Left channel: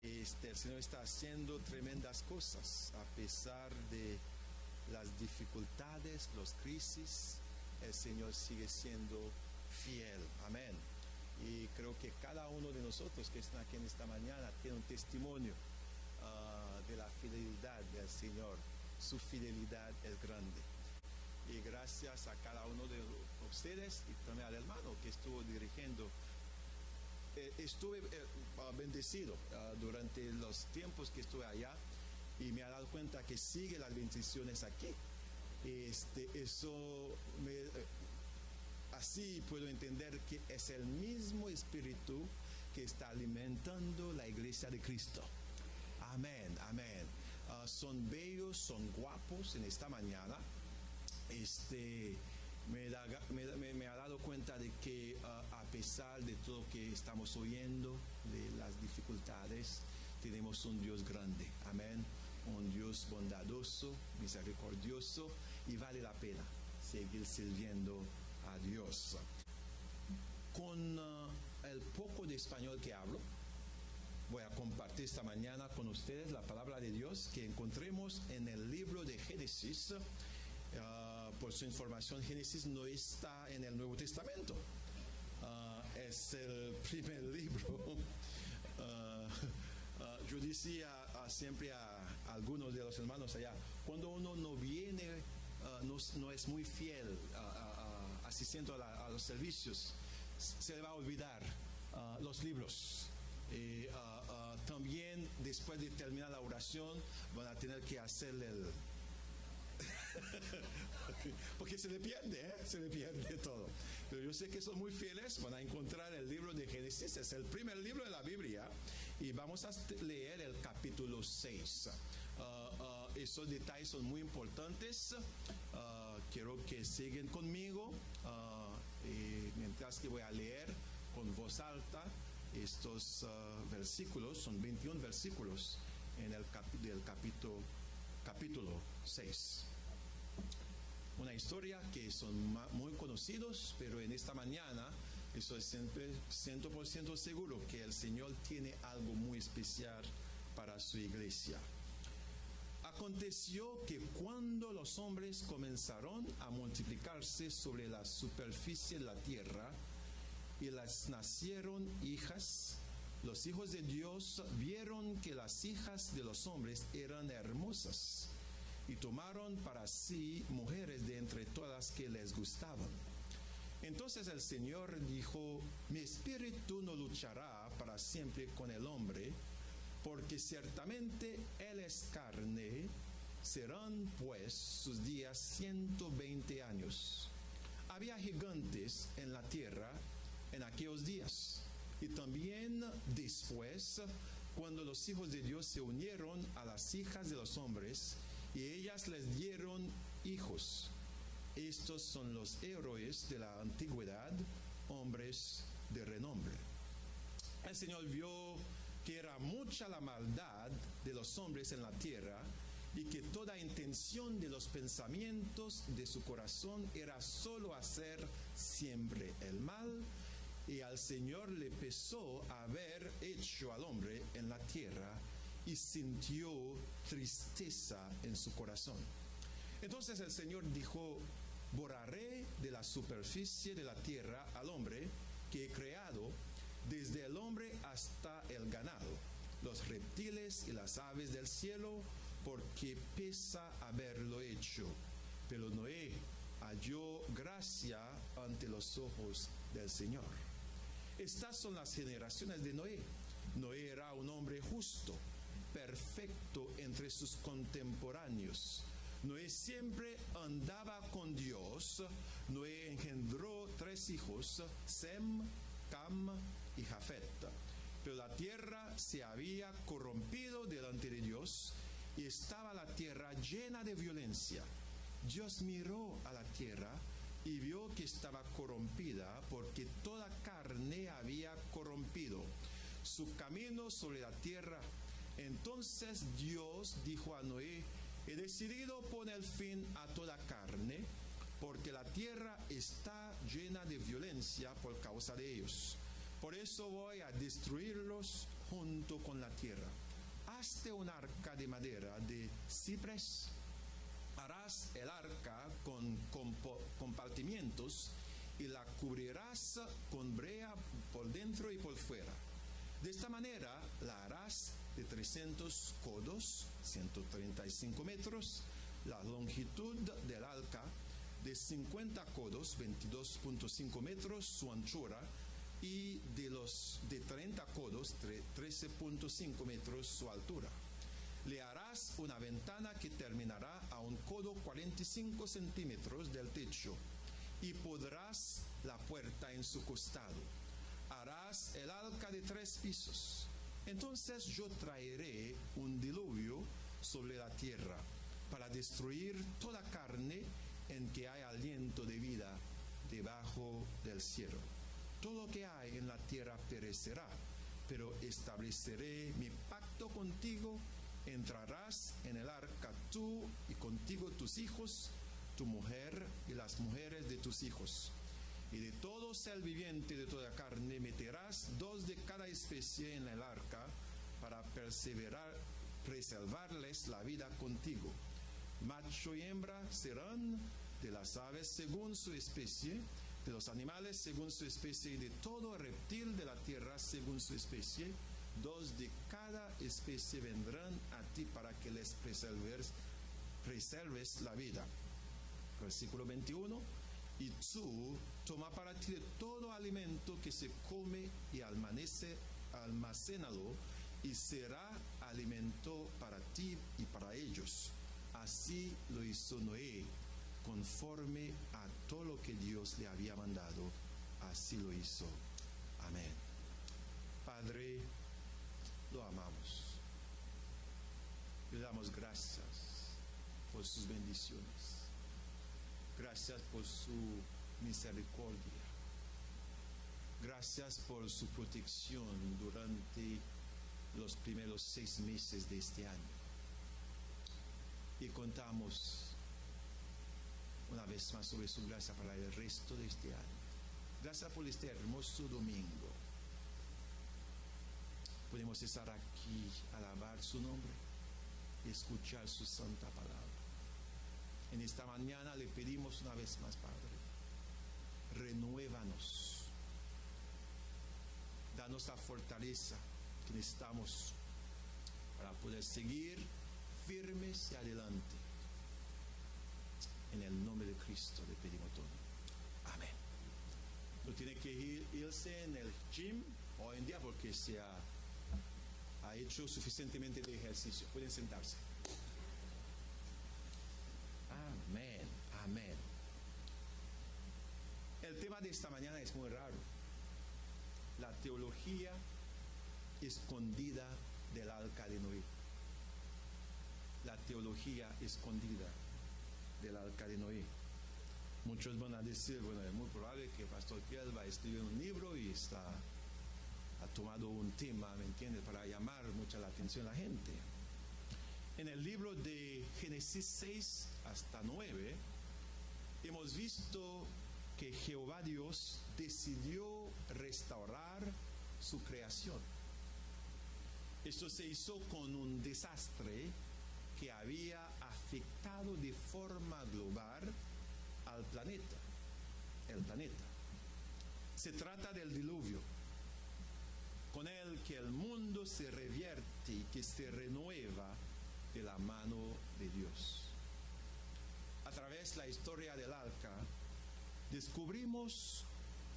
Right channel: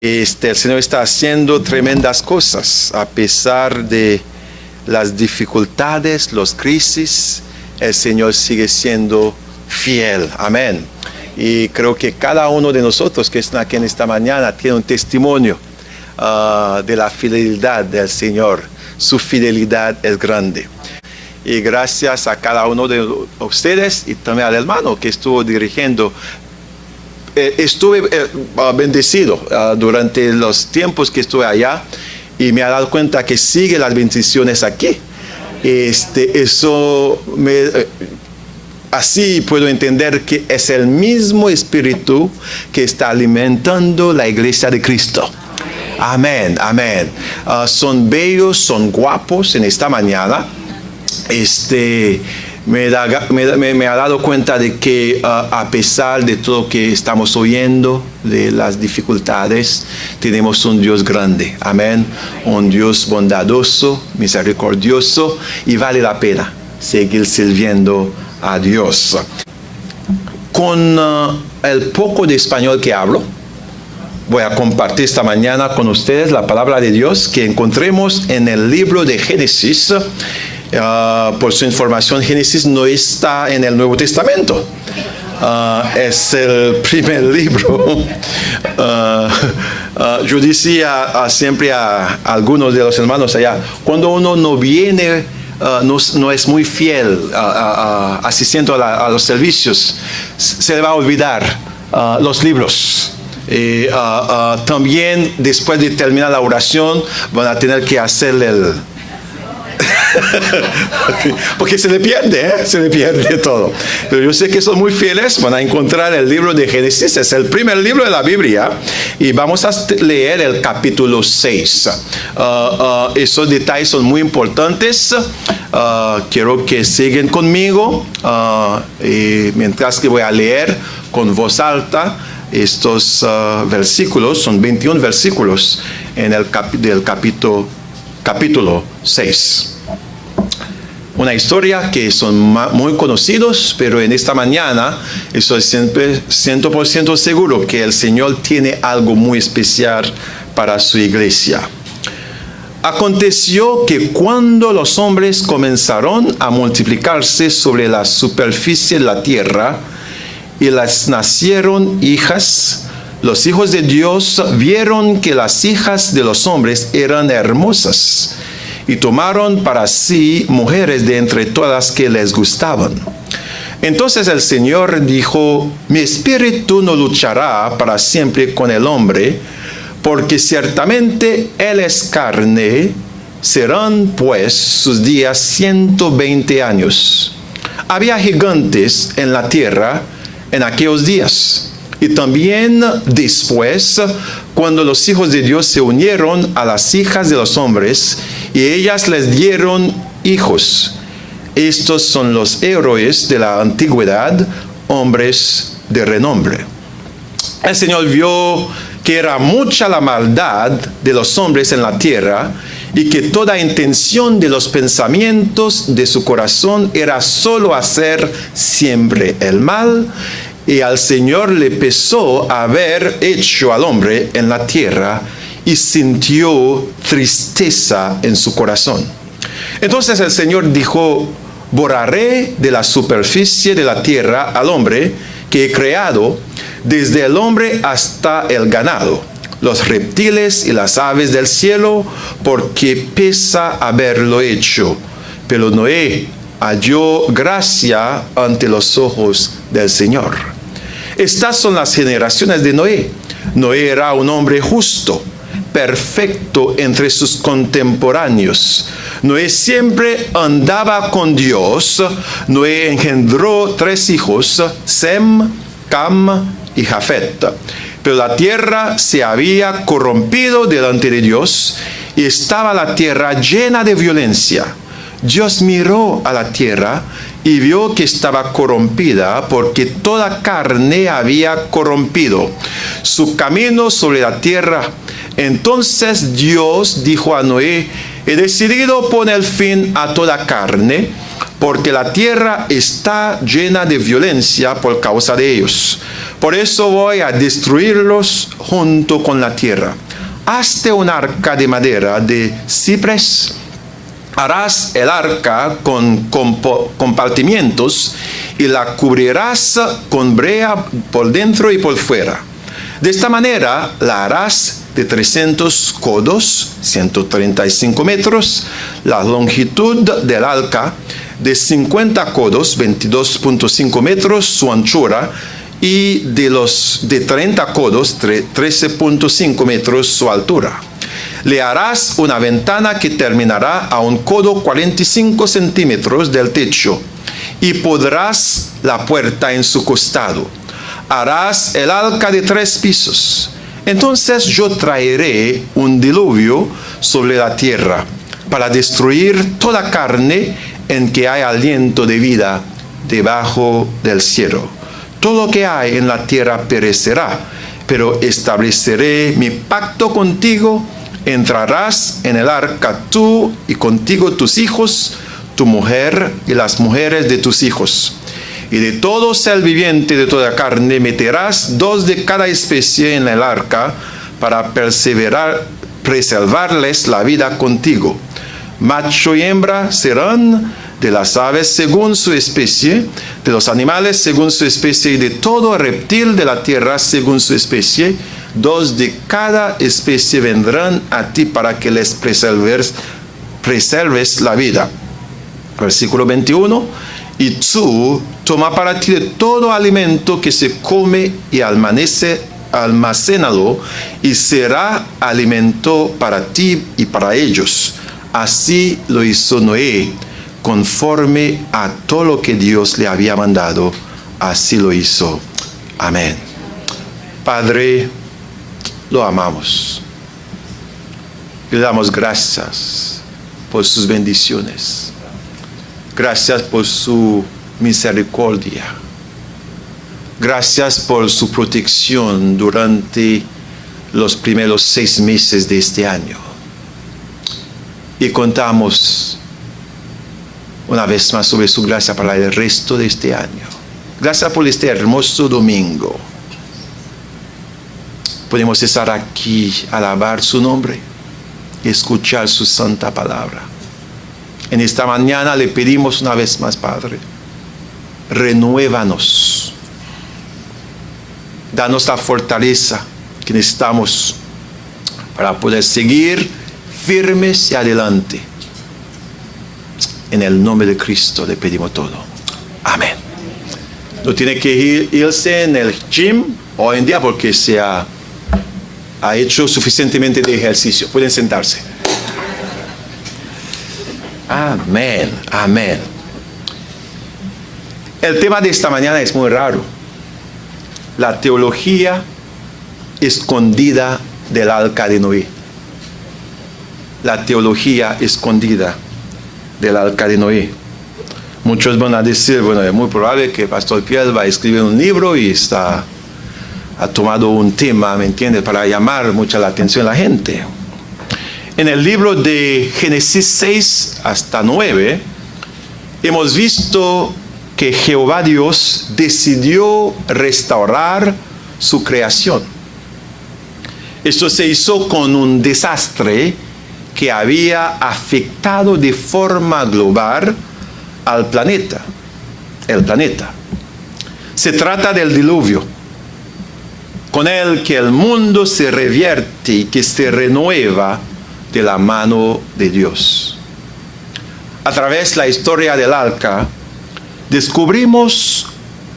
El Señor está haciendo tremendas cosas a pesar de las dificultades, las crisis. El Señor sigue siendo fiel. Amén. Y creo que cada uno de nosotros que están aquí en esta mañana tiene un testimonio de la fidelidad del Señor. Su fidelidad es grande. Y gracias a cada uno de ustedes y también al hermano que estuvo dirigiendo. Estuve bendecido durante los tiempos que estuve allá y me he dado cuenta que sigue las bendiciones aquí. Así puedo entender que es el mismo espíritu que está alimentando la iglesia de Cristo. Amén, amén. Son bellos, son guapos en esta mañana. Me ha dado cuenta de que a pesar de todo lo que estamos oyendo, de las dificultades, tenemos un Dios grande, amén, un Dios bondadoso, misericordioso, y vale la pena seguir sirviendo a Dios. Con el poco de español que hablo, voy a compartir esta mañana con ustedes la palabra de Dios que encontremos en el libro de Génesis. Por su información, Génesis no está en el Nuevo Testamento. Es el primer libro. Yo decía siempre a algunos de los hermanos allá, cuando uno no viene, no es muy fiel asistiendo a los servicios, se le va a olvidar los libros. También después de terminar la oración van a tener que hacerle porque se le pierde todo. Pero yo sé que son muy fieles, van a encontrar el libro de Génesis, es el primer libro de la Biblia, y vamos a leer el capítulo 6. Esos detalles son muy importantes. Quiero que sigan conmigo, mientras que voy a leer con voz alta estos versículos. Son 21 versículos en el del capítulo 6. Una historia que son muy conocidos, pero en esta mañana estoy siempre 100% seguro que el Señor tiene algo muy especial para su iglesia. Aconteció que cuando los hombres comenzaron a multiplicarse sobre la superficie de la tierra y les nacieron hijas, los hijos de Dios vieron que las hijas de los hombres eran hermosas y tomaron para sí mujeres de entre todas que les gustaban. Entonces el Señor dijo: mi espíritu no luchará para siempre con el hombre, porque ciertamente él es carne, serán pues sus días 120 años. Había gigantes en la tierra en aquellos días. Y también después, cuando los hijos de Dios se unieron a las hijas de los hombres, y ellas les dieron hijos. Estos son los héroes de la antigüedad, hombres de renombre. El Señor vio que era mucha la maldad de los hombres en la tierra, y que toda intención de los pensamientos de su corazón era solo hacer siempre el mal. Y al Señor le pesó haber hecho al hombre en la tierra, y sintió tristeza en su corazón. Entonces el Señor dijo: borraré de la superficie de la tierra al hombre que he creado, desde el hombre hasta el ganado, los reptiles y las aves del cielo, porque pesa haberlo hecho. Pero Noé halló gracia ante los ojos del Señor. Estas son las generaciones de Noé. Noé era un hombre justo, perfecto entre sus contemporáneos. Noé siempre andaba con Dios. Noé engendró 3 hijos, Sem, Cam y Jafet. Pero la tierra se había corrompido delante de Dios, y estaba la tierra llena de violencia. Dios miró a la tierra y vio que estaba corrompida, porque toda carne había corrompido su camino sobre la tierra. Entonces Dios dijo a Noé: he decidido poner fin a toda carne, porque la tierra está llena de violencia por causa de ellos. Por eso voy a destruirlos junto con la tierra. Hazte un arca de madera de ciprés. Harás el arca con compartimientos y la cubrirás con brea por dentro y por fuera. De esta manera la harás de 300 codos, 135 metros, la longitud del arca de 50 codos, 22.5 metros, su anchura, y de 30 codos, 13.5 metros, su altura. Le harás una ventana que terminará a un codo 45 centímetros del techo, y pondrás la puerta en su costado. Harás el arca de 3 pisos. Entonces yo traeré un diluvio sobre la tierra para destruir toda carne en que hay aliento de vida debajo del cielo. Todo lo que hay en la tierra perecerá, pero estableceré mi pacto contigo. Entrarás en el arca tú y contigo tus hijos, tu mujer y las mujeres de tus hijos. Y de todo ser viviente de toda carne meterás 2 de cada especie en el arca para preservarles la vida contigo. Macho y hembra serán de las aves según su especie, de los animales según su especie y de todo reptil de la tierra según su especie. 2 de cada especie vendrán a ti para que les preserves la vida. Versículo 21. Y tú toma para ti de todo alimento que se come y almacénalo, y será alimento para ti y para ellos. Así lo hizo Noé, conforme a todo lo que Dios le había mandado, así lo hizo. Amén. Padre, lo amamos. Le damos gracias por sus bendiciones. Gracias por su misericordia. Gracias por su protección durante los primeros 6 meses de este año. Y contamos una vez más sobre su gracia para el resto de este año. Gracias por este hermoso domingo. Podemos estar aquí, alabar su nombre y escuchar su santa palabra. En esta mañana le pedimos una vez más, Padre, renuévanos. Danos la fortaleza que necesitamos para poder seguir firmes y adelante. En el nombre de Cristo le pedimos todo. Amén. No tiene que irse en el gym hoy en día porque se ha hecho suficientemente de ejercicio. Pueden sentarse. Amén, amén. El tema de esta mañana es muy raro. La teología escondida del arca de Noé. La teología escondida del arca de Noé. Muchos van a decir, bueno, es muy probable que el pastor Pierre va a escribir un libro y ha tomado un tema, ¿me entiendes?, para llamar mucha la atención de la gente. En el libro de Génesis 6 hasta 9, hemos visto que Jehová Dios decidió restaurar su creación. Esto se hizo con un desastre que había afectado de forma global al planeta, el planeta. Se trata del diluvio, con el que el mundo se revierte y que se renueva de la mano de Dios. A través de la historia del arca, descubrimos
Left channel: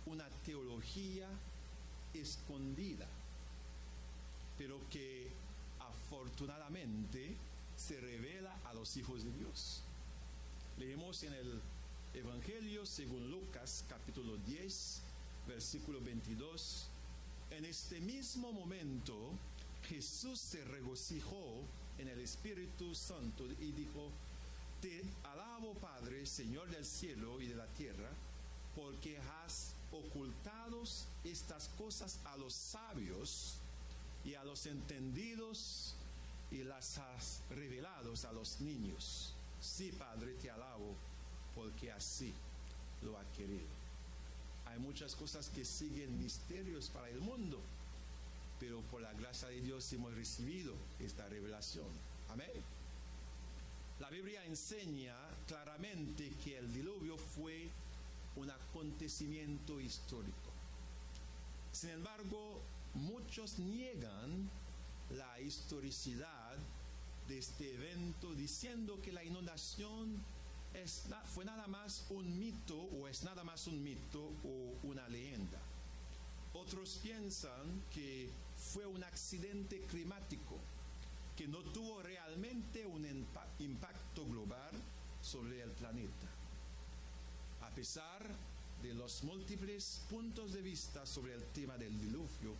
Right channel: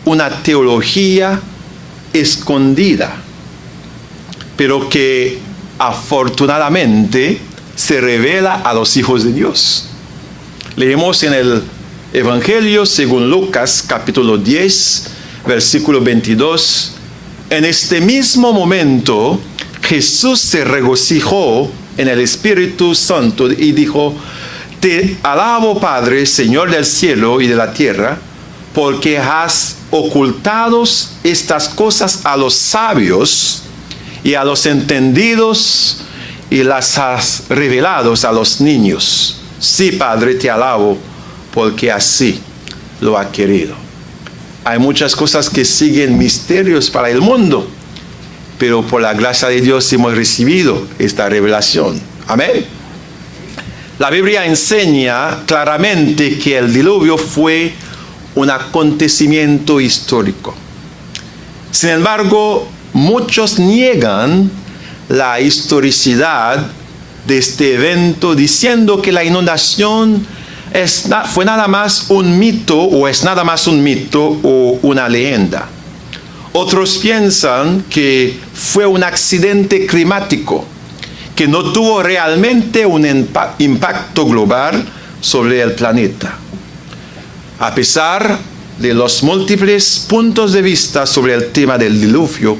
una teología escondida, pero que afortunadamente se revela a los hijos de Dios. Leemos en el Evangelio según Lucas, capítulo 10, versículo 22. En este mismo momento, Jesús se regocijó en el Espíritu Santo y dijo: Te alabo, Padre, Señor del cielo y de la tierra, porque has ocultado estas cosas a los sabios y a los entendidos y las has revelado a los niños. Sí, Padre, te alabo porque así lo ha querido. Hay muchas cosas que siguen misterios para el mundo, pero por la gracia de Dios hemos recibido esta revelación. Amén. La Biblia enseña claramente que el diluvio fue un acontecimiento histórico. Sin embargo, muchos niegan la historicidad de este evento, diciendo que la inundación fue nada más un mito, o es nada más un mito o una leyenda. Otros piensan que fue un accidente climático, que no tuvo realmente un impacto global sobre el planeta. A pesar de los múltiples puntos de vista sobre el tema del diluvio,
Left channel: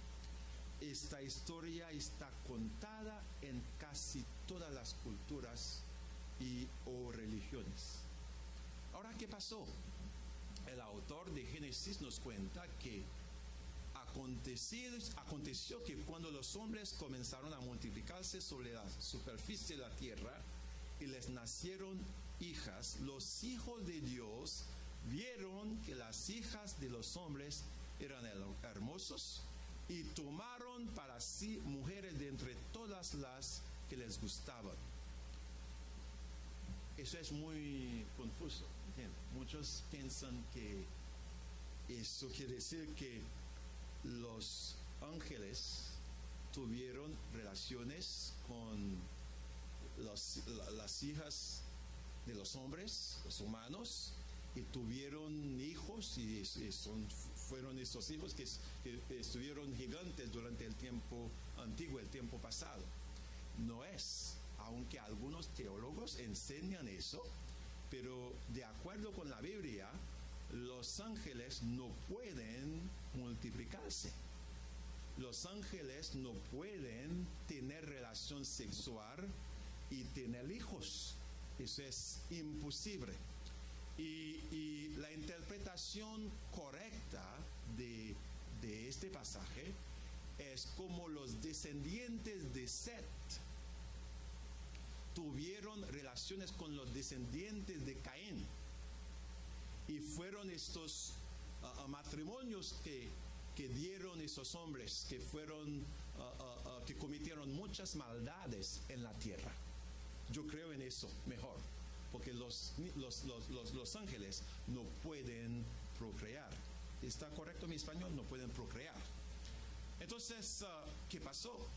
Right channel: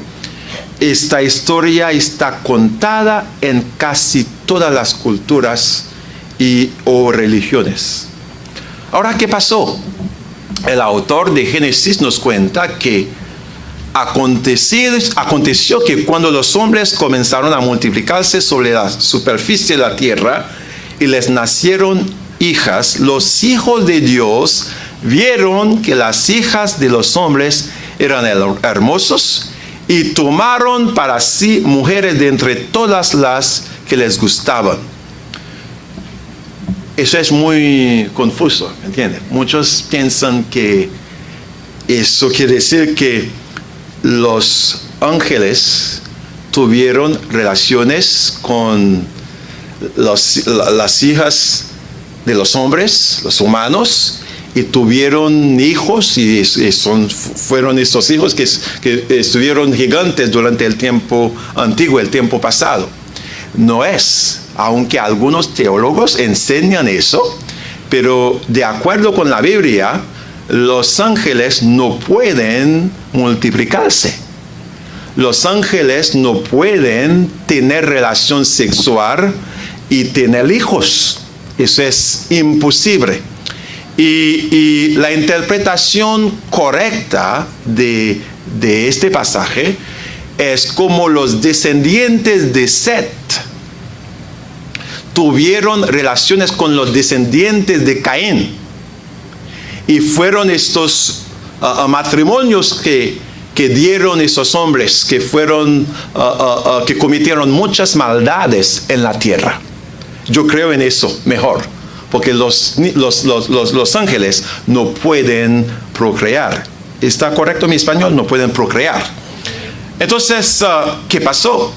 esta historia está contada en casi todas las culturas o religiones. Ahora, ¿qué pasó? El autor de Génesis nos cuenta que aconteció que cuando los hombres comenzaron a multiplicarse sobre la superficie de la tierra y les nacieron hijas, los hijos de Dios vieron que las hijas de los hombres eran hermosos y tomaron para sí mujeres de entre todas las que les gustaban. Eso es muy confuso, ¿entiendes? Muchos piensan que eso quiere decir que los ángeles tuvieron relaciones con las hijas de los hombres, los humanos, y tuvieron hijos, y fueron estos hijos que estuvieron gigantes durante el tiempo antiguo, el tiempo pasado. No es, aunque algunos teólogos enseñan eso, pero de acuerdo con la Biblia, los ángeles no pueden multiplicarse. Los ángeles no pueden tener relación sexual y tener hijos. Eso es imposible. Y la interpretación correcta de este pasaje es como los descendientes de Set tuvieron relaciones con los descendientes de Caín. Y fueron estos matrimonios que dieron esos hombres, que cometieron muchas maldades en la tierra. Yo creo en eso mejor, porque los ángeles no pueden procrear. ¿Está correcto mi español? No pueden procrear. Entonces, ¿qué pasó?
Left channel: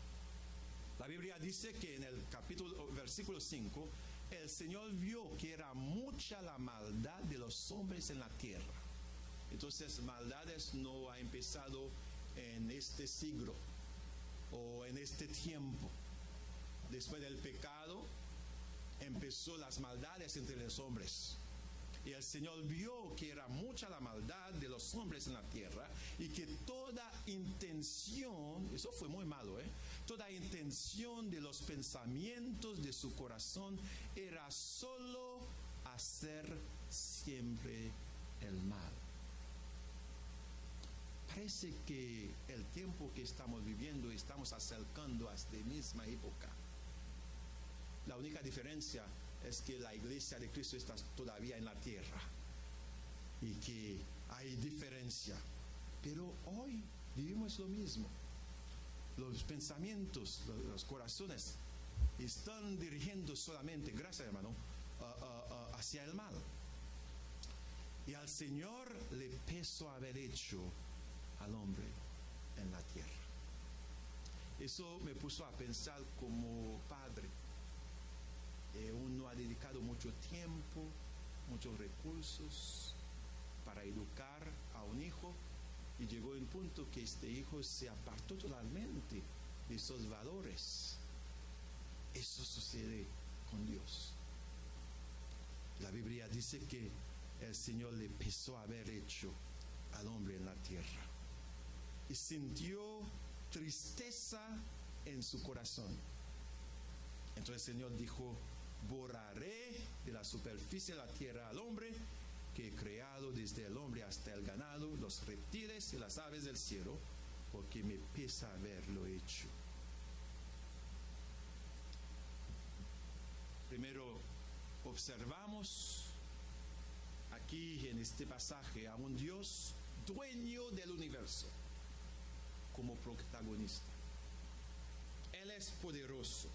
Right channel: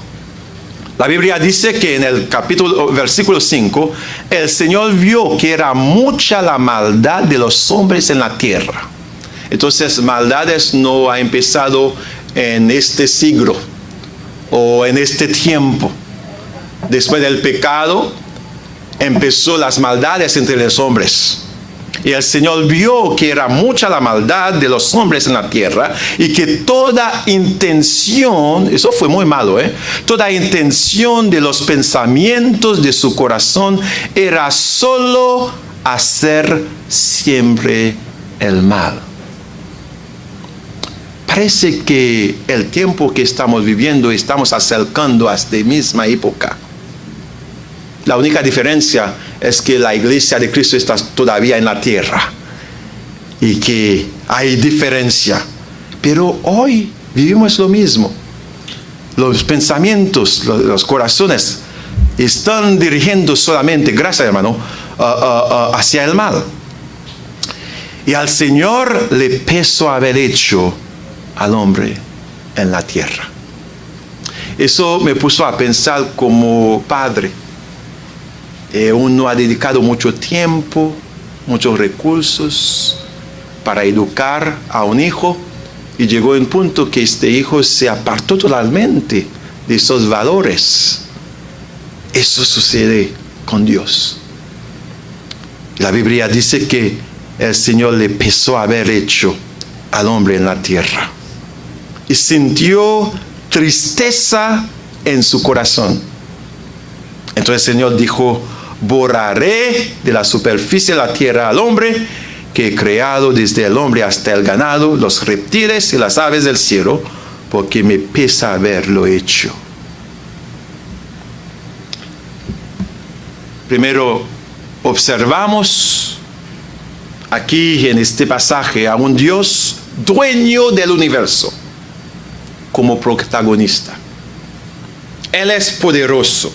La Biblia dice que en el versículo 5, el Señor vio que era mucha la maldad de los hombres en la tierra. Entonces, maldades no ha empezado en este siglo o en este tiempo. Después del pecado, empezó las maldades entre los hombres. Y el Señor vio que era mucha la maldad de los hombres en la tierra y que toda intención, eso fue muy malo, toda intención de los pensamientos de su corazón era solo hacer siempre el mal. Parece que el tiempo que estamos viviendo estamos acercando a esta misma época. La única diferencia es que la iglesia de Cristo está todavía en la tierra y que hay diferencia. Pero hoy vivimos lo mismo. Los pensamientos, los corazones están dirigiendo solamente, gracias hermano, hacia el mal. Y al Señor le pesó haber hecho al hombre en la tierra. Eso me puso a pensar como padre. Uno ha dedicado mucho tiempo, muchos recursos para educar a un hijo y llegó un punto que este hijo se apartó totalmente de esos valores. Eso sucede con Dios. La Biblia dice que el Señor le pesó haber hecho al hombre en la tierra y sintió tristeza en su corazón. Entonces el Señor dijo: borraré de la superficie de la tierra al hombre que he creado, desde el hombre hasta el ganado, los reptiles y las aves del cielo, porque me pesa haberlo hecho. Primero, observamos aquí en este pasaje a un Dios dueño del universo como protagonista. Él es poderoso.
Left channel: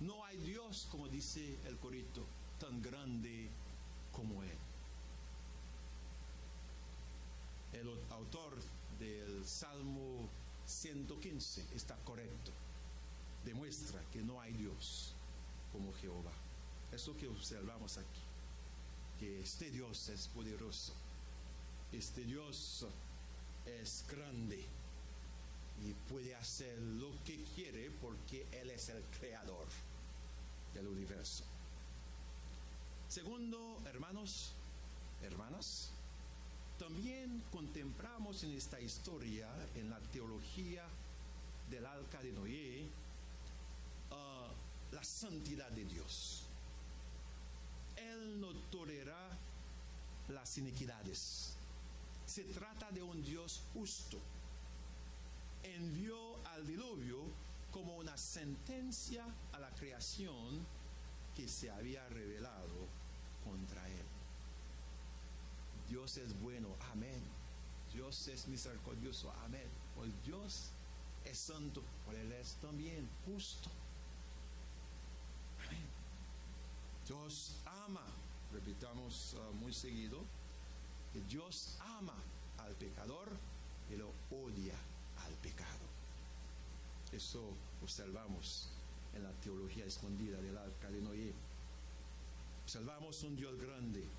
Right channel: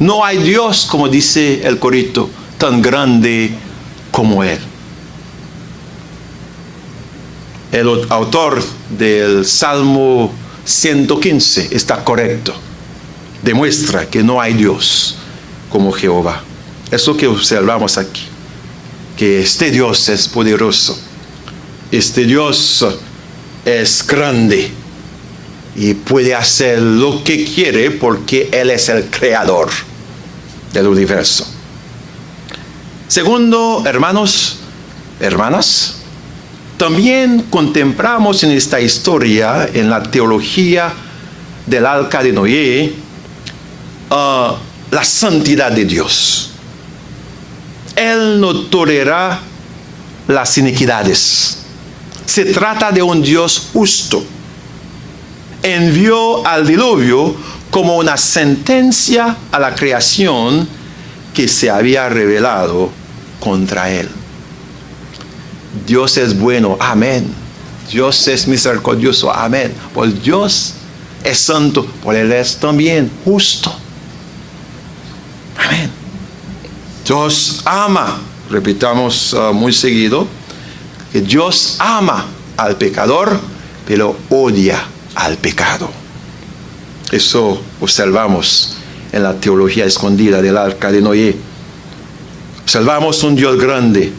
No hay Dios, como dice el corito, tan grande como Él. El autor del Salmo 115 está correcto. Demuestra que no hay Dios como Jehová. Es lo que observamos aquí. Que este Dios es poderoso. Este Dios es grande. Y puede hacer lo que quiere porque Él es el creador del universo. Segundo, hermanos, hermanas, también contemplamos en esta historia, en la teología del arca de Noé, la santidad de Dios. Él no tolera las iniquidades. Se trata de un Dios justo. Envió al diluvio como una sentencia a la creación que se había rebelado contra Él. Dios es bueno, amén. Dios es misericordioso, amén. Pues Dios es santo, pues Él es también justo. Amén. Dios ama, repitamos muy seguido, que Dios ama al pecador, pero odia al pecado. Eso observamos en la teología escondida del arca de Noé. Observamos un Dios grande,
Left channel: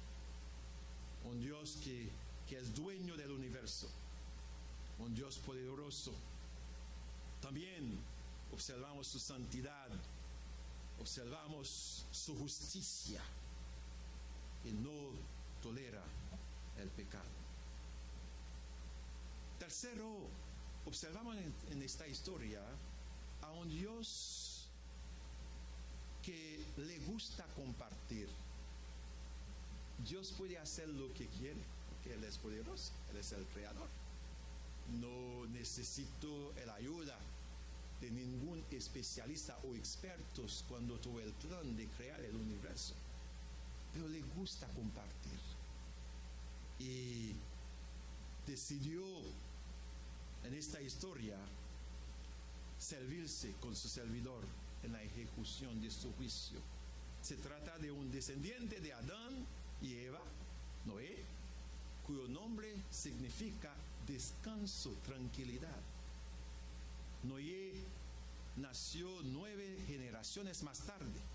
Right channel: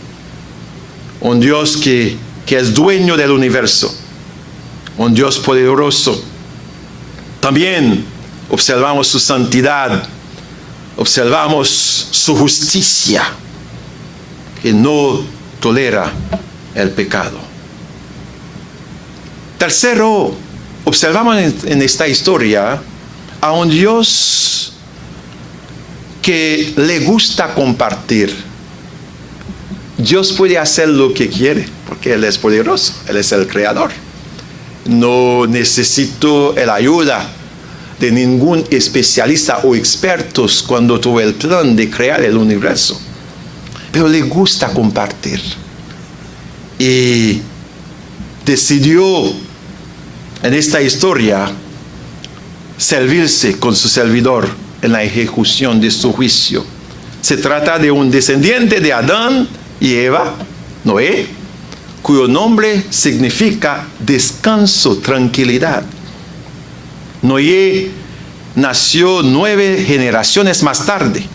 un Dios que es dueño del universo, un Dios poderoso. También observamos su santidad, observamos su justicia, que no tolera el pecado. Tercero, observamos en esta historia a un Dios que le gusta compartir. Dios puede hacer lo que quiere, porque Él es poderoso, Él es el creador. No necesito la ayuda de ningún especialista o expertos cuando tuvo el plan de crear el universo. Pero le gusta compartir. Y decidió en esta historia servirse con su servidor en la ejecución de su juicio. Se trata de un descendiente de Adán y Eva, Noé, cuyo nombre significa descanso, tranquilidad. Noé nació 9 generaciones más tarde.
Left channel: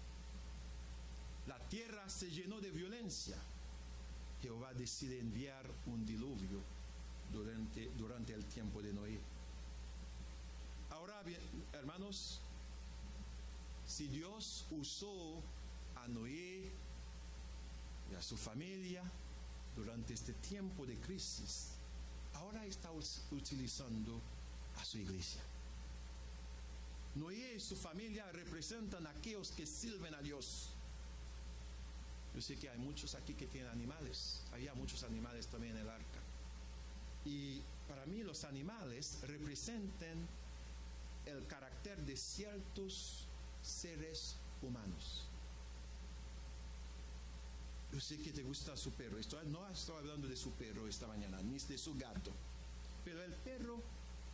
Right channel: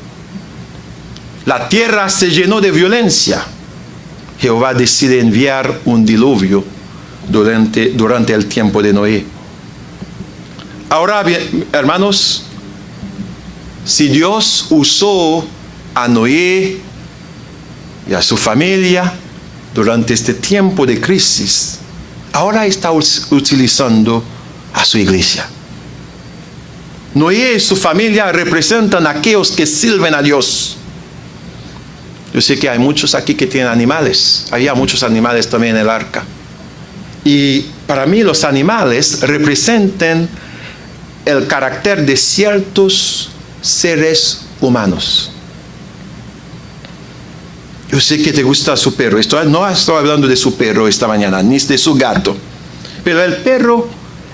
La tierra se llenó de violencia. Jehová decide enviar un diluvio durante el tiempo de Noé. Ahora bien, hermanos, si Dios usó a Noé y a su familia durante este tiempo de crisis, ahora está utilizando a su iglesia. Noé y su familia representan a aquellos que sirven a Dios. Yo sé que hay muchos aquí que tienen animales. Había muchos animales también en el arca. Y para mí los animales representan el carácter de ciertos seres humanos. Yo sé que te gusta su perro. No estoy hablando de su perro esta mañana, ni de su gato. Pero el perro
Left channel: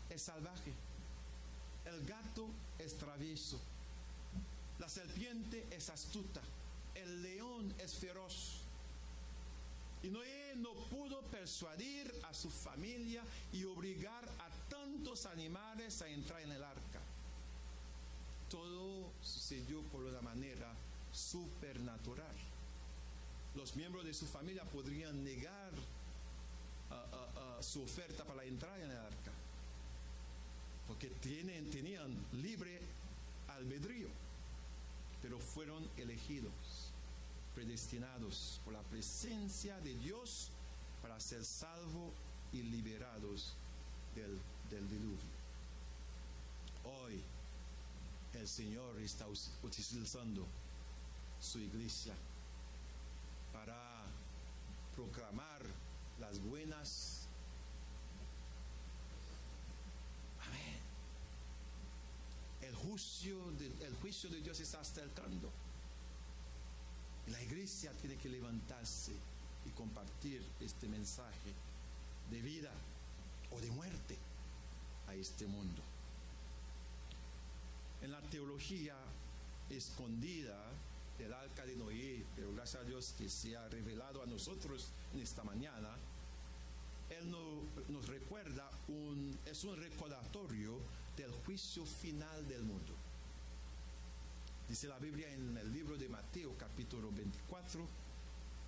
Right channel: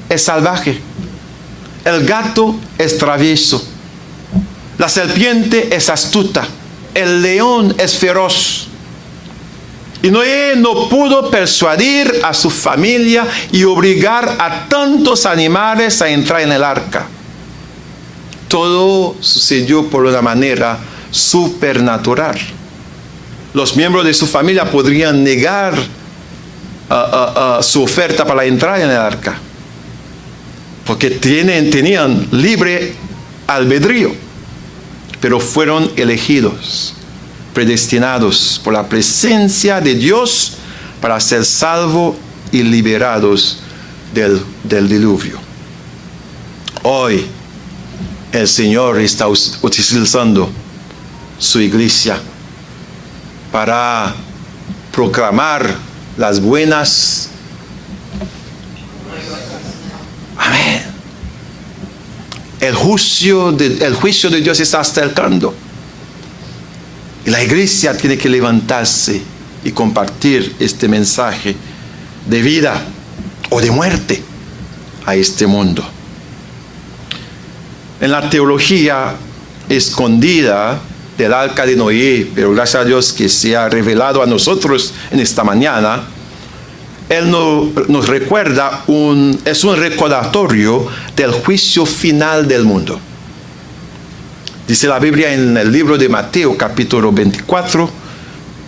es salvaje. El gato es travieso. La serpiente es astuta. El león es feroz. Y Noé no pudo persuadir a su familia y obligar a tantos animales a entrar en el arca. Todo sucedió por una manera supernatural. Los miembros de su familia podrían negar su oferta para entrar en el arca, porque tenían libre albedrío, pero fueron elegidos, predestinados por la presencia de Dios para ser salvos y liberados del diluvio. Hoy el Señor está utilizando su iglesia para proclamar las buenas. Amén. El juicio de Dios está acercando. Y la iglesia tiene que levantarse y compartir este mensaje de vida o de muerte a este mundo. En la teología escondida del arca de Noé, pero gracias a Dios que se ha revelado a nosotros en esta mañana, Él nos recuerda, es un recordatorio del juicio final del mundo. Dice la Biblia en el libro de Mateo, capítulo 24,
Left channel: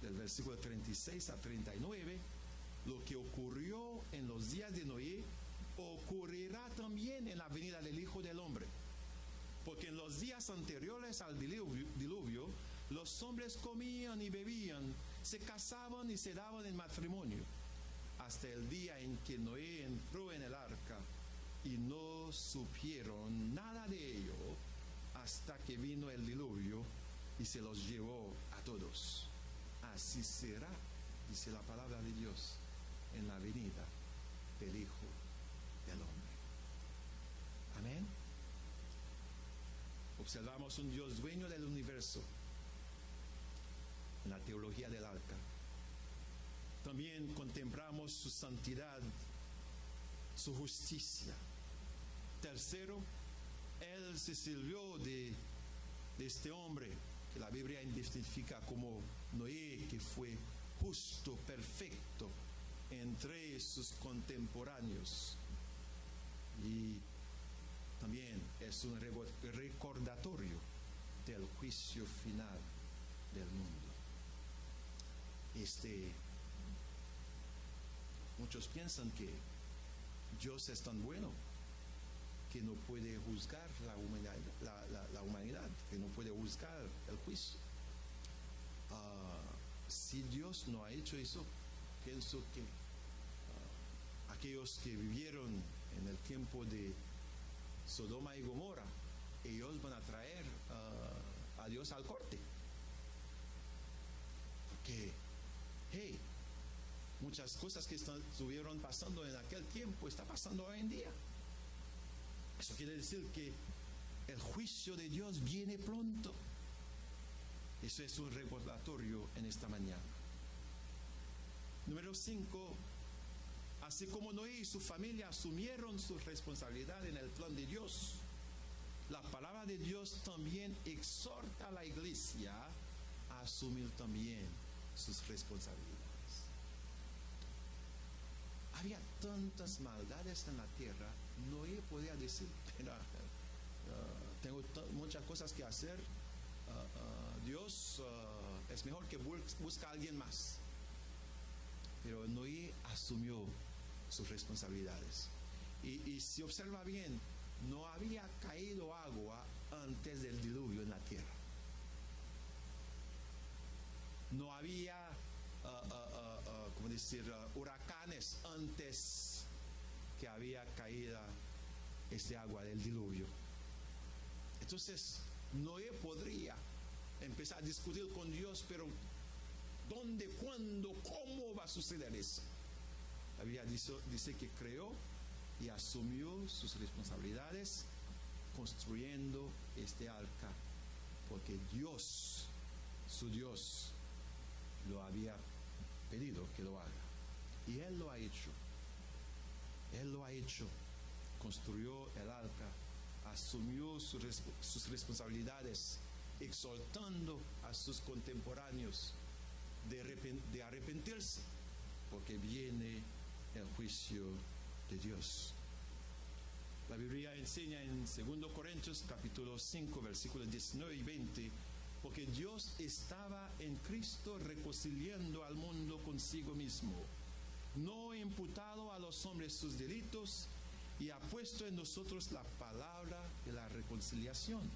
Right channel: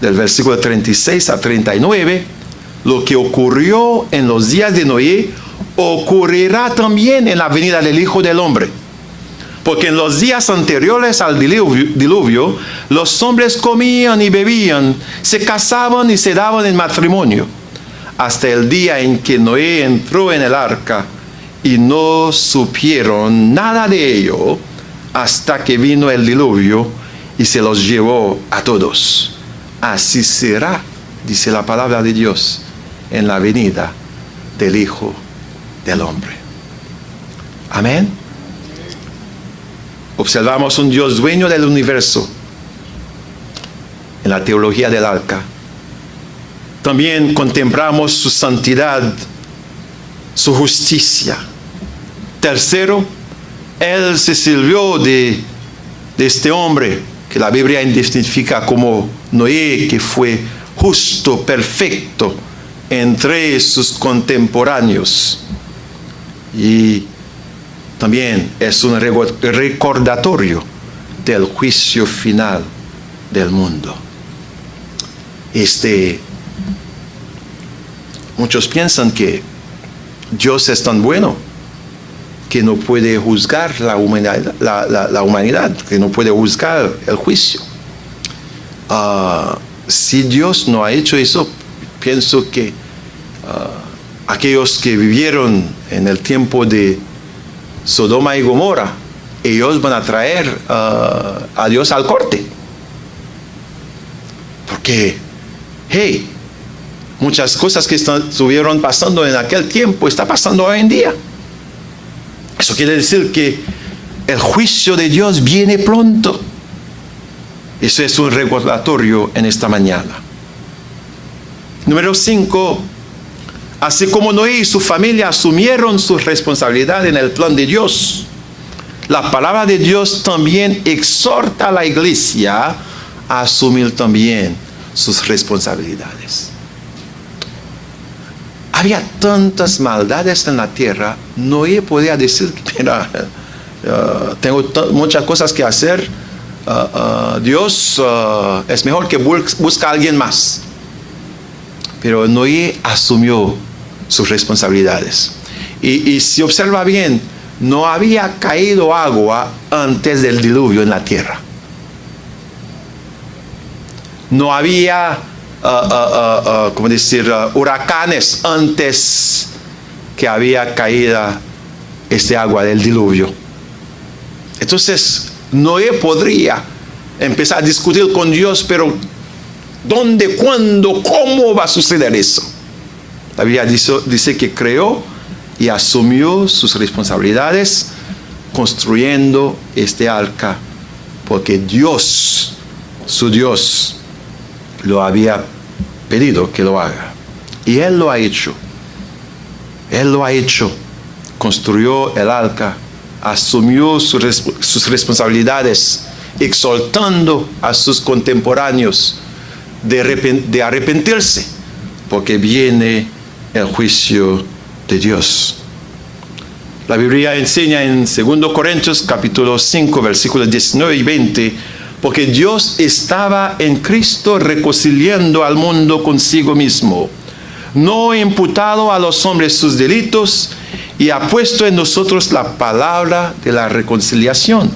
del versículo 36 a 39, lo que ocurrió en los días de Noé ocurrirá también en la venida del Hijo del Hombre. Porque en los días anteriores al diluvio, los hombres comían y bebían, se casaban y se daban en matrimonio, hasta el día en que Noé entró en el arca, y no supieron nada de ello hasta que vino el diluvio y se los llevó a todos. Así será, dice la palabra de Dios, en la venida del Hijo del Hombre. Amén. Observamos un Dios dueño del universo en la teología del arca. También contemplamos su santidad, su justicia. Tercero, Él se sirvió de este hombre que la Biblia identifica como Noé, que fue justo, perfecto entre sus contemporáneos. Y también es un recordatorio del juicio final del mundo. Muchos piensan que Dios es tan bueno que no puede juzgar la humanidad, que no puede juzgar el juicio. Si Dios no ha hecho eso, pienso que aquellos que vivieron en el tiempo de Sodoma y Gomorra, ellos van a traer a Dios al corte. Porque, muchas cosas que estuvieron pasando en aquel tiempo están pasando hoy en día. Eso quiere decir que el juicio de Dios viene pronto. Eso es un recordatorio en esta mañana. Número 5. Así como Noé y su familia asumieron su responsabilidad en el plan de Dios, la palabra de Dios también exhorta a la iglesia a asumir también sus responsabilidades. Había tantas maldades en la tierra, Noé podía decir, mira, tengo muchas cosas que hacer, Dios es mejor que busque a alguien más. Pero Noé asumió sus responsabilidades. Y si observa bien, no había caído agua antes del diluvio en la tierra. No había, huracanes antes que había caído este agua del diluvio. Entonces, Noé podría empezar a discutir con Dios, pero ¿dónde, cuándo, cómo va a suceder eso? La Biblia dice que creó y asumió sus responsabilidades construyendo este arca, porque Dios, su Dios, lo había pedido que lo haga. Y Él lo ha hecho. Él lo ha hecho. Construyó el arca, asumió sus responsabilidades, exhortando a sus contemporáneos de arrepentirse, porque viene el juicio de Dios. La Biblia enseña en 2 Corintios capítulo 5 versículos 19 y 20, porque Dios estaba en Cristo reconciliando al mundo consigo mismo, no imputado a los hombres sus delitos, y ha puesto en nosotros la palabra de la reconciliación.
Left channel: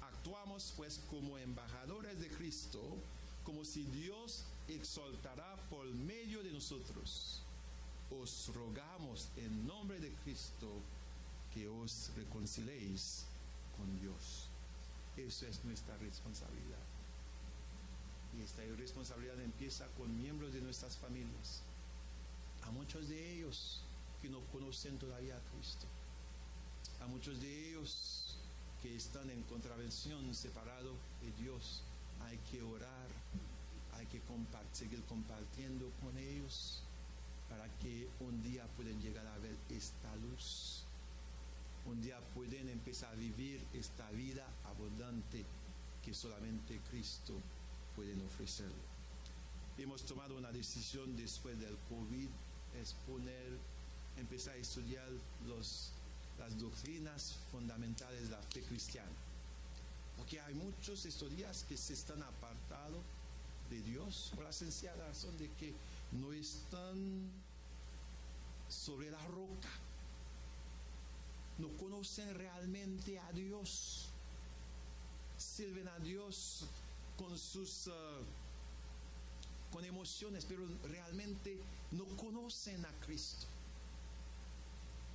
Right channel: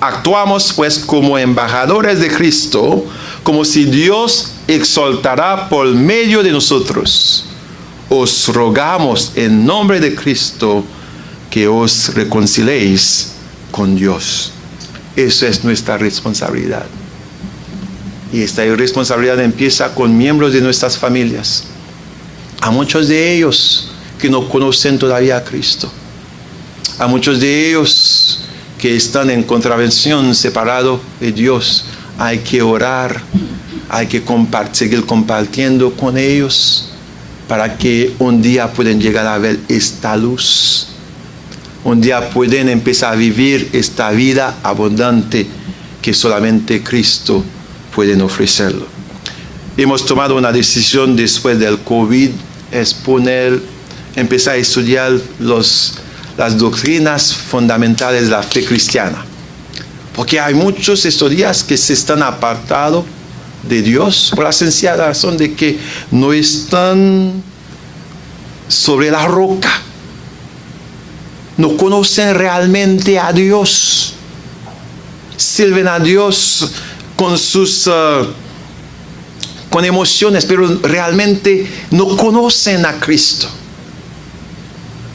Actuamos pues como embajadores de Cristo, como si Dios exaltará por medio de nosotros. Os rogamos en nombre de Cristo que os reconciliéis con Dios. Eso es nuestra responsabilidad. Y esta responsabilidad empieza con miembros de nuestras familias. A muchos de ellos que no conocen todavía a Cristo. A muchos de ellos que están en contravención, separados de Dios. Hay que orar hay que seguir compartiendo con ellos para que un día puedan llegar a ver esta luz. Un día pueden empezar a vivir esta vida abundante que solamente Cristo puede ofrecerlo. Hemos tomado una decisión después del COVID, es empezar a estudiar las doctrinas fundamentales de la fe cristiana. Porque hay muchos estos días que se están apartados de Dios por la sencilla razón de que no están sobre la roca. No conocen realmente a Dios. Sirven a Dios con emociones, pero realmente no conocen a Cristo.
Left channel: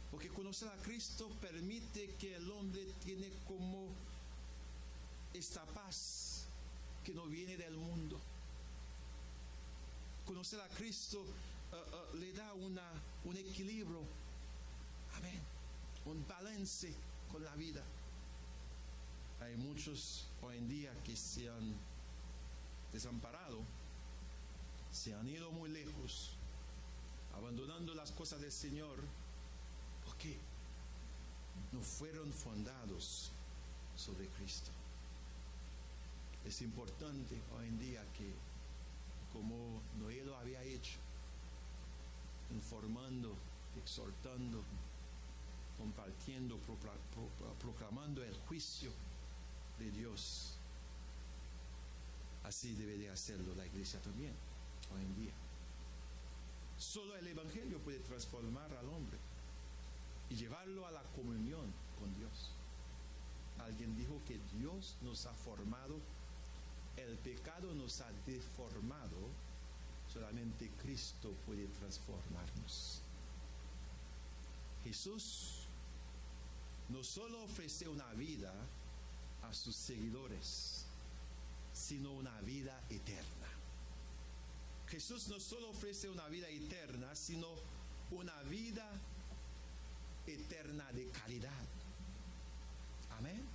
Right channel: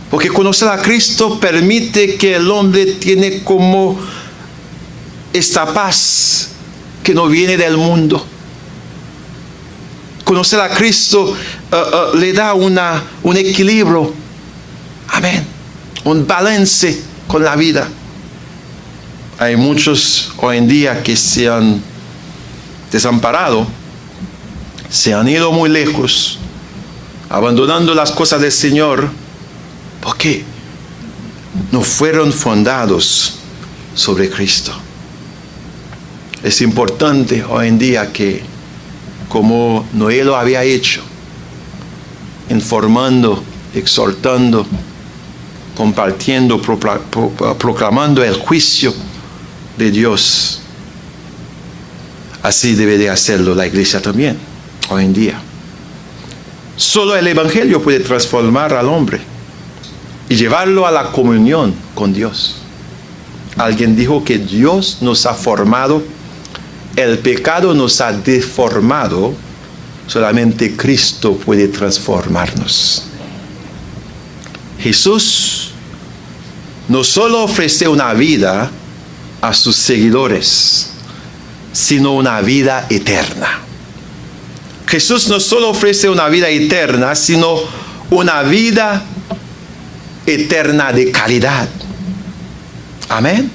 Porque conocer a Cristo permite que el hombre tiene como esta paz que no viene del mundo. Conocer a Cristo le da un equilibrio, amén, un balance con la vida. Hay muchos hoy en día que se han desamparado, se han ido muy lejos, abandonando las cosas del Señor, porque no fueron fundados sobre Cristo. Es importante hoy en día que, como Noé lo había hecho, informando, exhortando, compartiendo, proclamando el juicio de Dios, así debe de hacerlo la iglesia también, hoy en día. Solo el Evangelio puede transformar al hombre y llevarlo a la comunión con Dios. Alguien dijo que Dios nos ha formado, el pecado nos ha deformado, solamente Cristo puede transformarnos. Jesús no solo ofrece una vida a sus seguidores, sino una vida eterna. Jesús no solo ofrece una vida eterna, sino una vida eterna de calidad. Amén.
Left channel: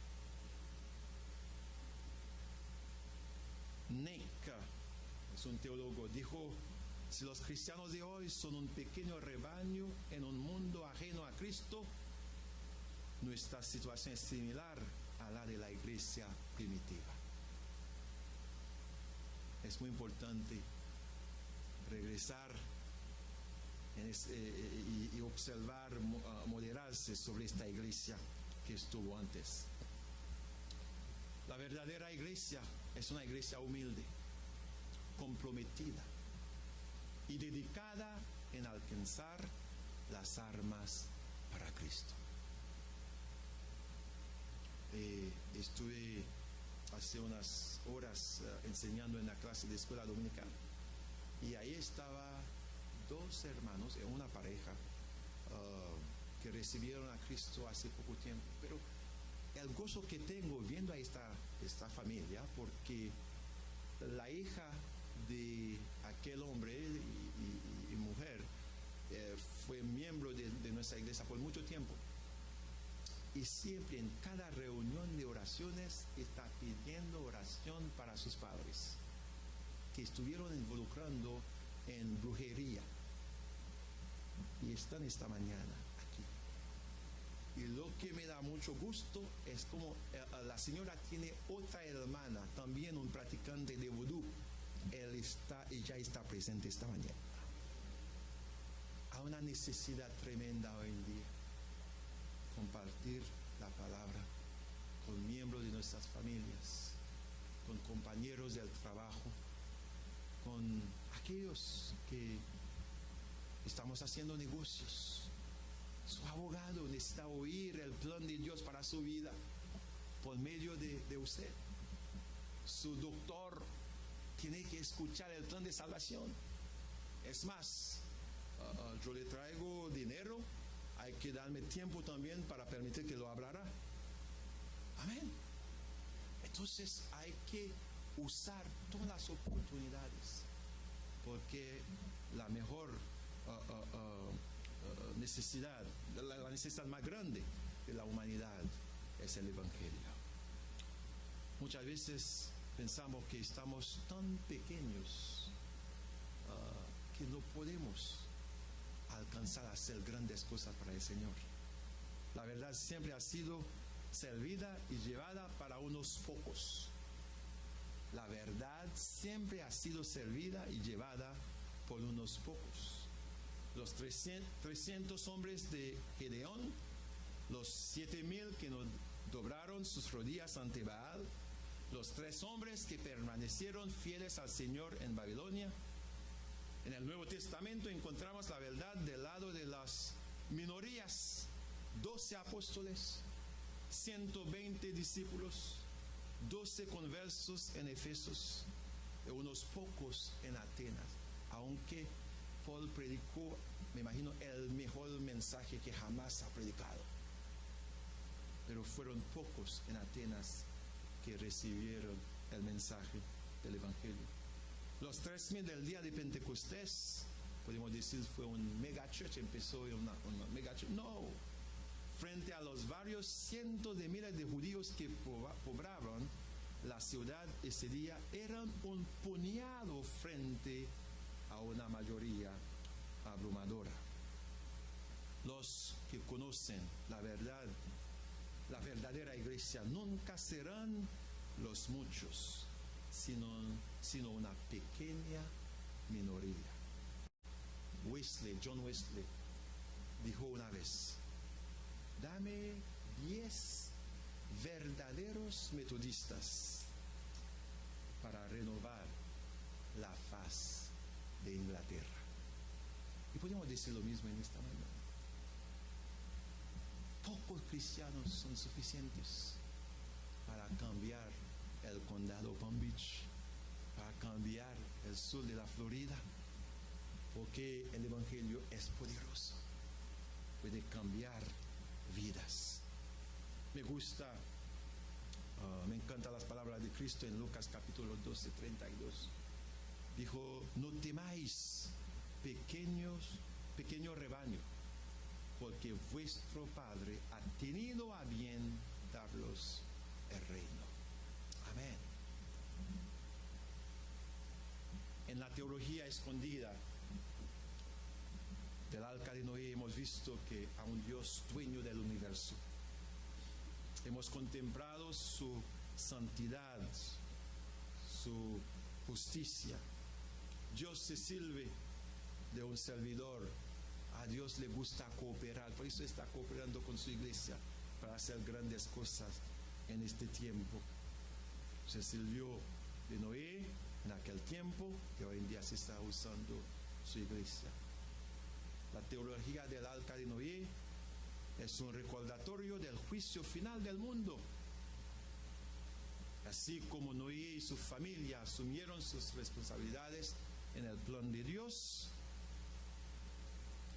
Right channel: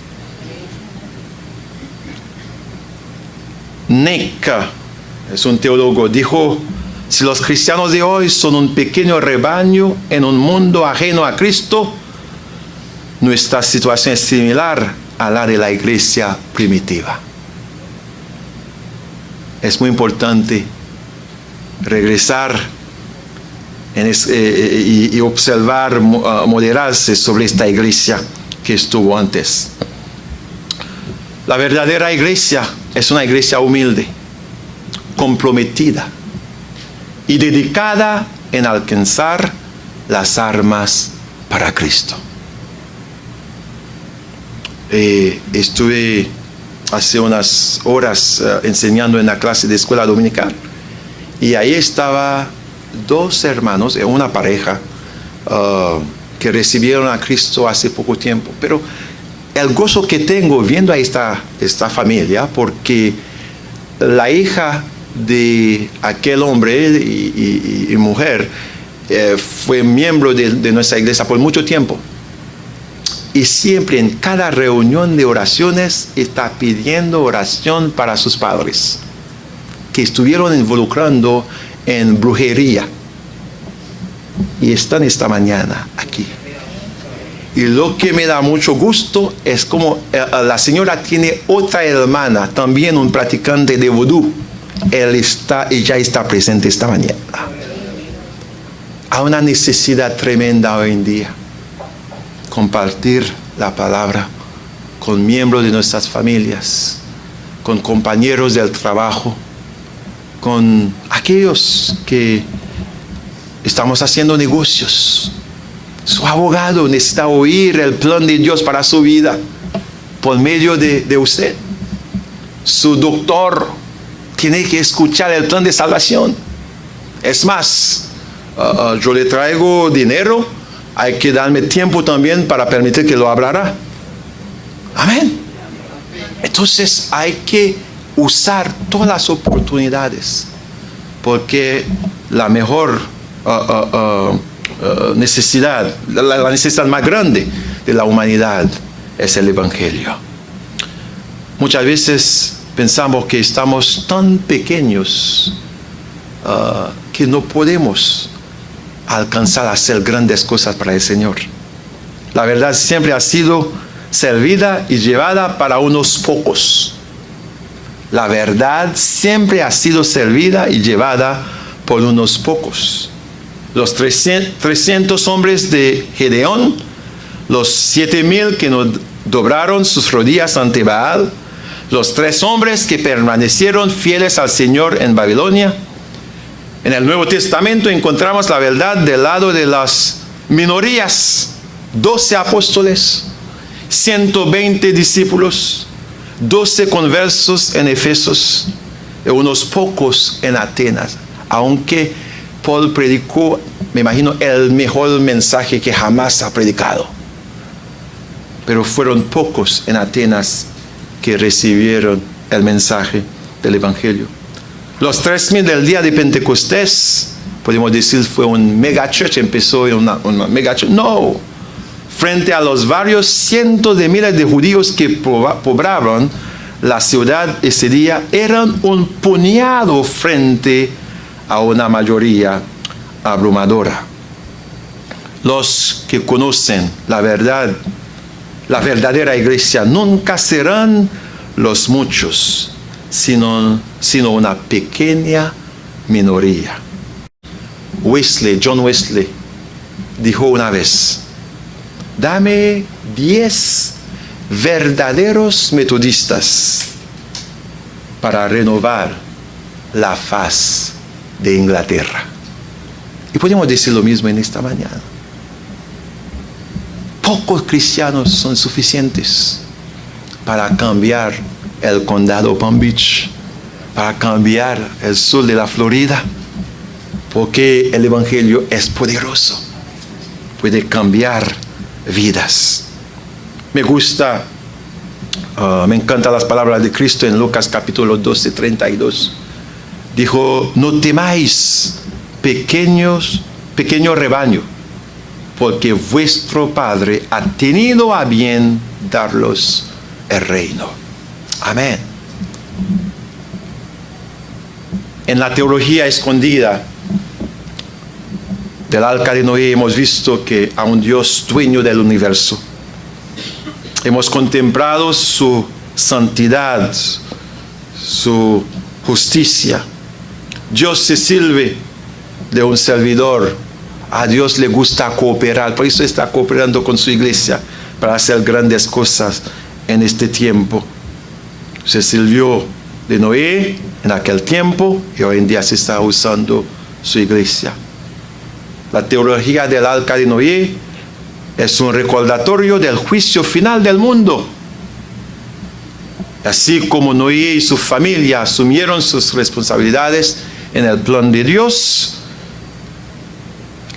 Nick, es un teólogo, dijo: si los cristianos de hoy son un pequeño rebaño en un mundo ajeno a Cristo, nuestra situación es similar a la de la iglesia primitiva. Es muy importante regresar y observar, moderarse sobre esta iglesia que estuvo antes. La verdadera iglesia es una iglesia humilde, comprometida y dedicada en alcanzar las armas para Cristo. Estuve hace unas horas enseñando en la clase de escuela dominical y ahí estaba dos hermanos, una pareja que recibieron a Cristo hace poco tiempo, pero el gozo que tengo viendo a esta familia, porque la hija de aquel hombre y mujer fue miembro de nuestra iglesia por mucho tiempo. Y siempre en cada reunión de oraciones está pidiendo oración para sus padres, que estuvieron involucrando en brujería. Y están esta mañana aquí. Y lo que me da mucho gusto es como la señora tiene otra hermana, también un practicante de vudú. Ella está presente esta mañana. Hay una necesidad tremenda hoy en día. Compartir la palabra con miembros de nuestras familias, con compañeros del trabajo, con aquellos que estamos haciendo negocios. Su abogado necesita oír el plan de Dios para su vida por medio de usted. Su doctor tiene que escuchar el plan de salvación. Es más, yo le traigo dinero, hay que darme tiempo también para permitir que lo hablará. Amén. Entonces hay que usar todas las oportunidades, porque la mejor necesidad, la necesidad más grande de la humanidad es el Evangelio. Muchas veces pensamos que estamos tan pequeños que no podemos alcanzar a hacer grandes cosas para el Señor. La verdad siempre ha sido servida y llevada para unos pocos. La verdad siempre ha sido servida y llevada por unos pocos. Los 300 hombres de Gedeón, los 7,000 que no doblaron sus rodillas ante Baal, los 3 hombres que permanecieron fieles al Señor en Babilonia. En el Nuevo Testamento encontramos la verdad del lado de las minorías. 12 apóstoles, 120 discípulos, 12 conversos en Efesos y unos pocos en Atenas. Aunque Paul predicó, me imagino, el mejor mensaje que jamás ha predicado. Pero fueron pocos en Atenas que recibieron el mensaje del Evangelio. Los 3,000 del día de Pentecostés, podemos decir, fue un mega church, empezó en una mega church. No. Frente a los varios cientos de miles de judíos que poblaban la ciudad ese día, eran un puñado frente a una mayoría abrumadora. Los que conocen la verdad, la verdadera iglesia, nunca serán los muchos, sino una pequeña minoría. John Wesley, dijo una vez: dame 10 verdaderos metodistas para renovar la faz de Inglaterra. Y podemos decir lo mismo en esta mañana. Pocos cristianos son suficientes para cambiar el condado Palm Beach, para cambiar el sur de la Florida, porque el Evangelio es poderoso, puede cambiar vidas. Me encantan las palabras de Cristo en Lucas capítulo 12, 32. Dijo: no temáis, pequeño rebaño, porque vuestro Padre ha tenido a bien daros el reino. Amén. En la teología escondida del Arca de Noé hemos visto que a un Dios dueño del universo. Hemos contemplado su santidad, su justicia. Dios se sirve de un servidor. A Dios le gusta cooperar, por eso está cooperando con su iglesia para hacer grandes cosas en este tiempo. Se sirvió de Noé en aquel tiempo y hoy en día se está usando su iglesia. La teología del Arca de Noé es un recordatorio del juicio final del mundo. Así como Noé y su familia asumieron sus responsabilidades en el plan de Dios,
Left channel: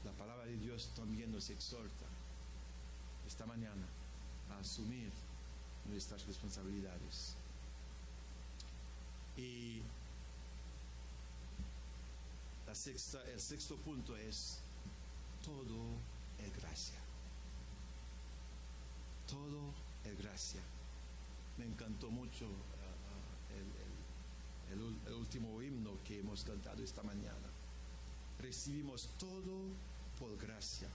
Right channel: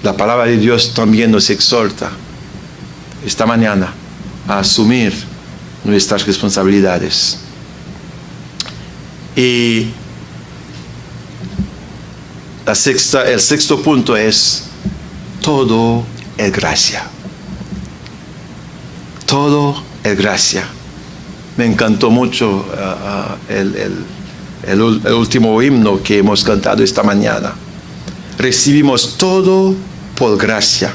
la palabra de Dios también nos exhorta esta mañana a asumir nuestras responsabilidades. Y el sexto punto es: todo es gracia. Todo es gracia. Me encantó mucho el último himno que hemos cantado esta mañana. Recibimos todo por gracia.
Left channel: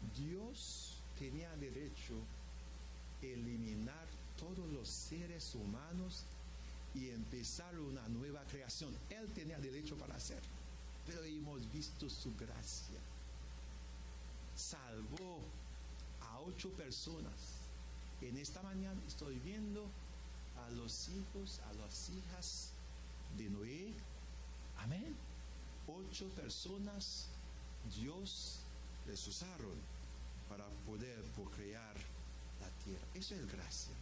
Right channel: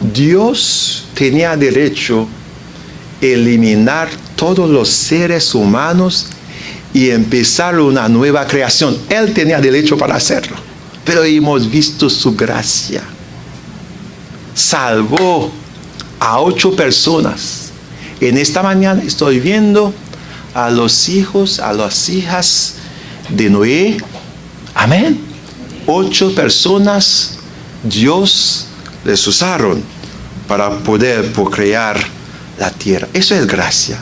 Dios tenía derecho a eliminar todos los seres humanos y empezar una nueva creación. Él tenía derecho para hacerlo, pero hemos visto su gracia. Salvó a 8 personas. En esta mañana estoy viendo a los hijos, a las hijas de Noé. Amén. 8 personas Dios les usaron para poder procrear la tierra. Eso es gracia.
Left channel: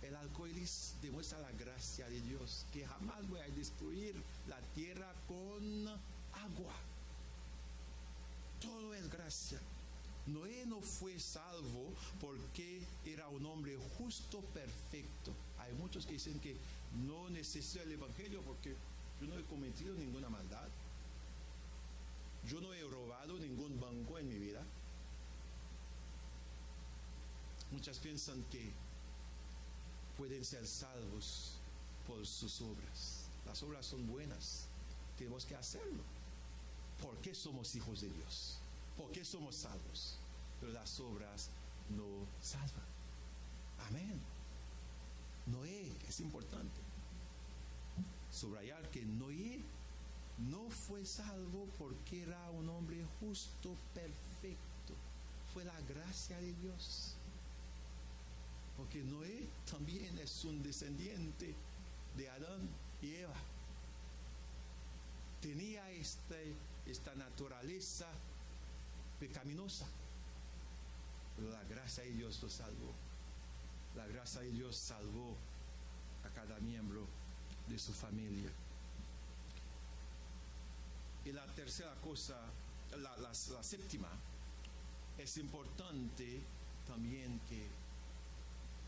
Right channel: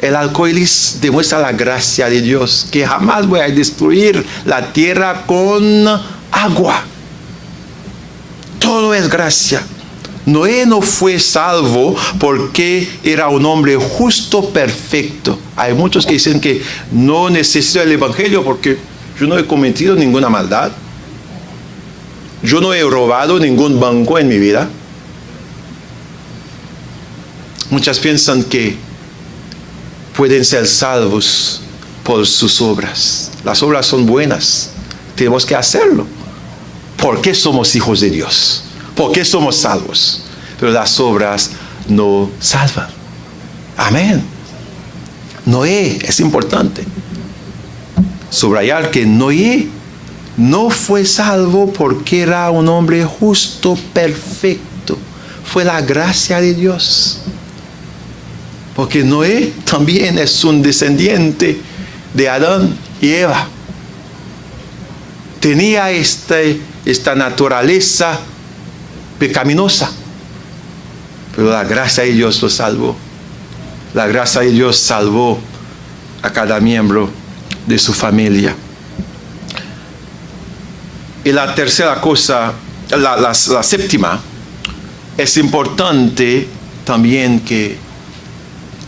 El arco iris demuestra la gracia de Dios, que jamás voy a destruir la tierra con agua. Todo es gracia. Noé no fue salvo porque era un hombre justo, perfecto. Hay muchos que dicen que no necesito el Evangelio porque yo no he cometido ninguna maldad. Yo no he robado ningún banco en mi vida. Muchas piensan que pueden ser salvos por sus obras. Las obras son buenas. Tenemos que hacerlo. ¿Por qué somos hijos de Dios? ¿Por qué somos salvos? Pero las obras no salvan. Amén. Noé, es importante subrayar que Noé no fue salvo porque era un hombre justo, perfecto. Fue la gracia de Dios. Porque Noé también es un descendiente de Adán y Eva. Tenía esta naturaleza pecaminosa. Pero la gracia de Dios lo salvó. La gracia de Dios salvó a cada miembro de su familia. Y la tercera cosa, la séptima, es importante también que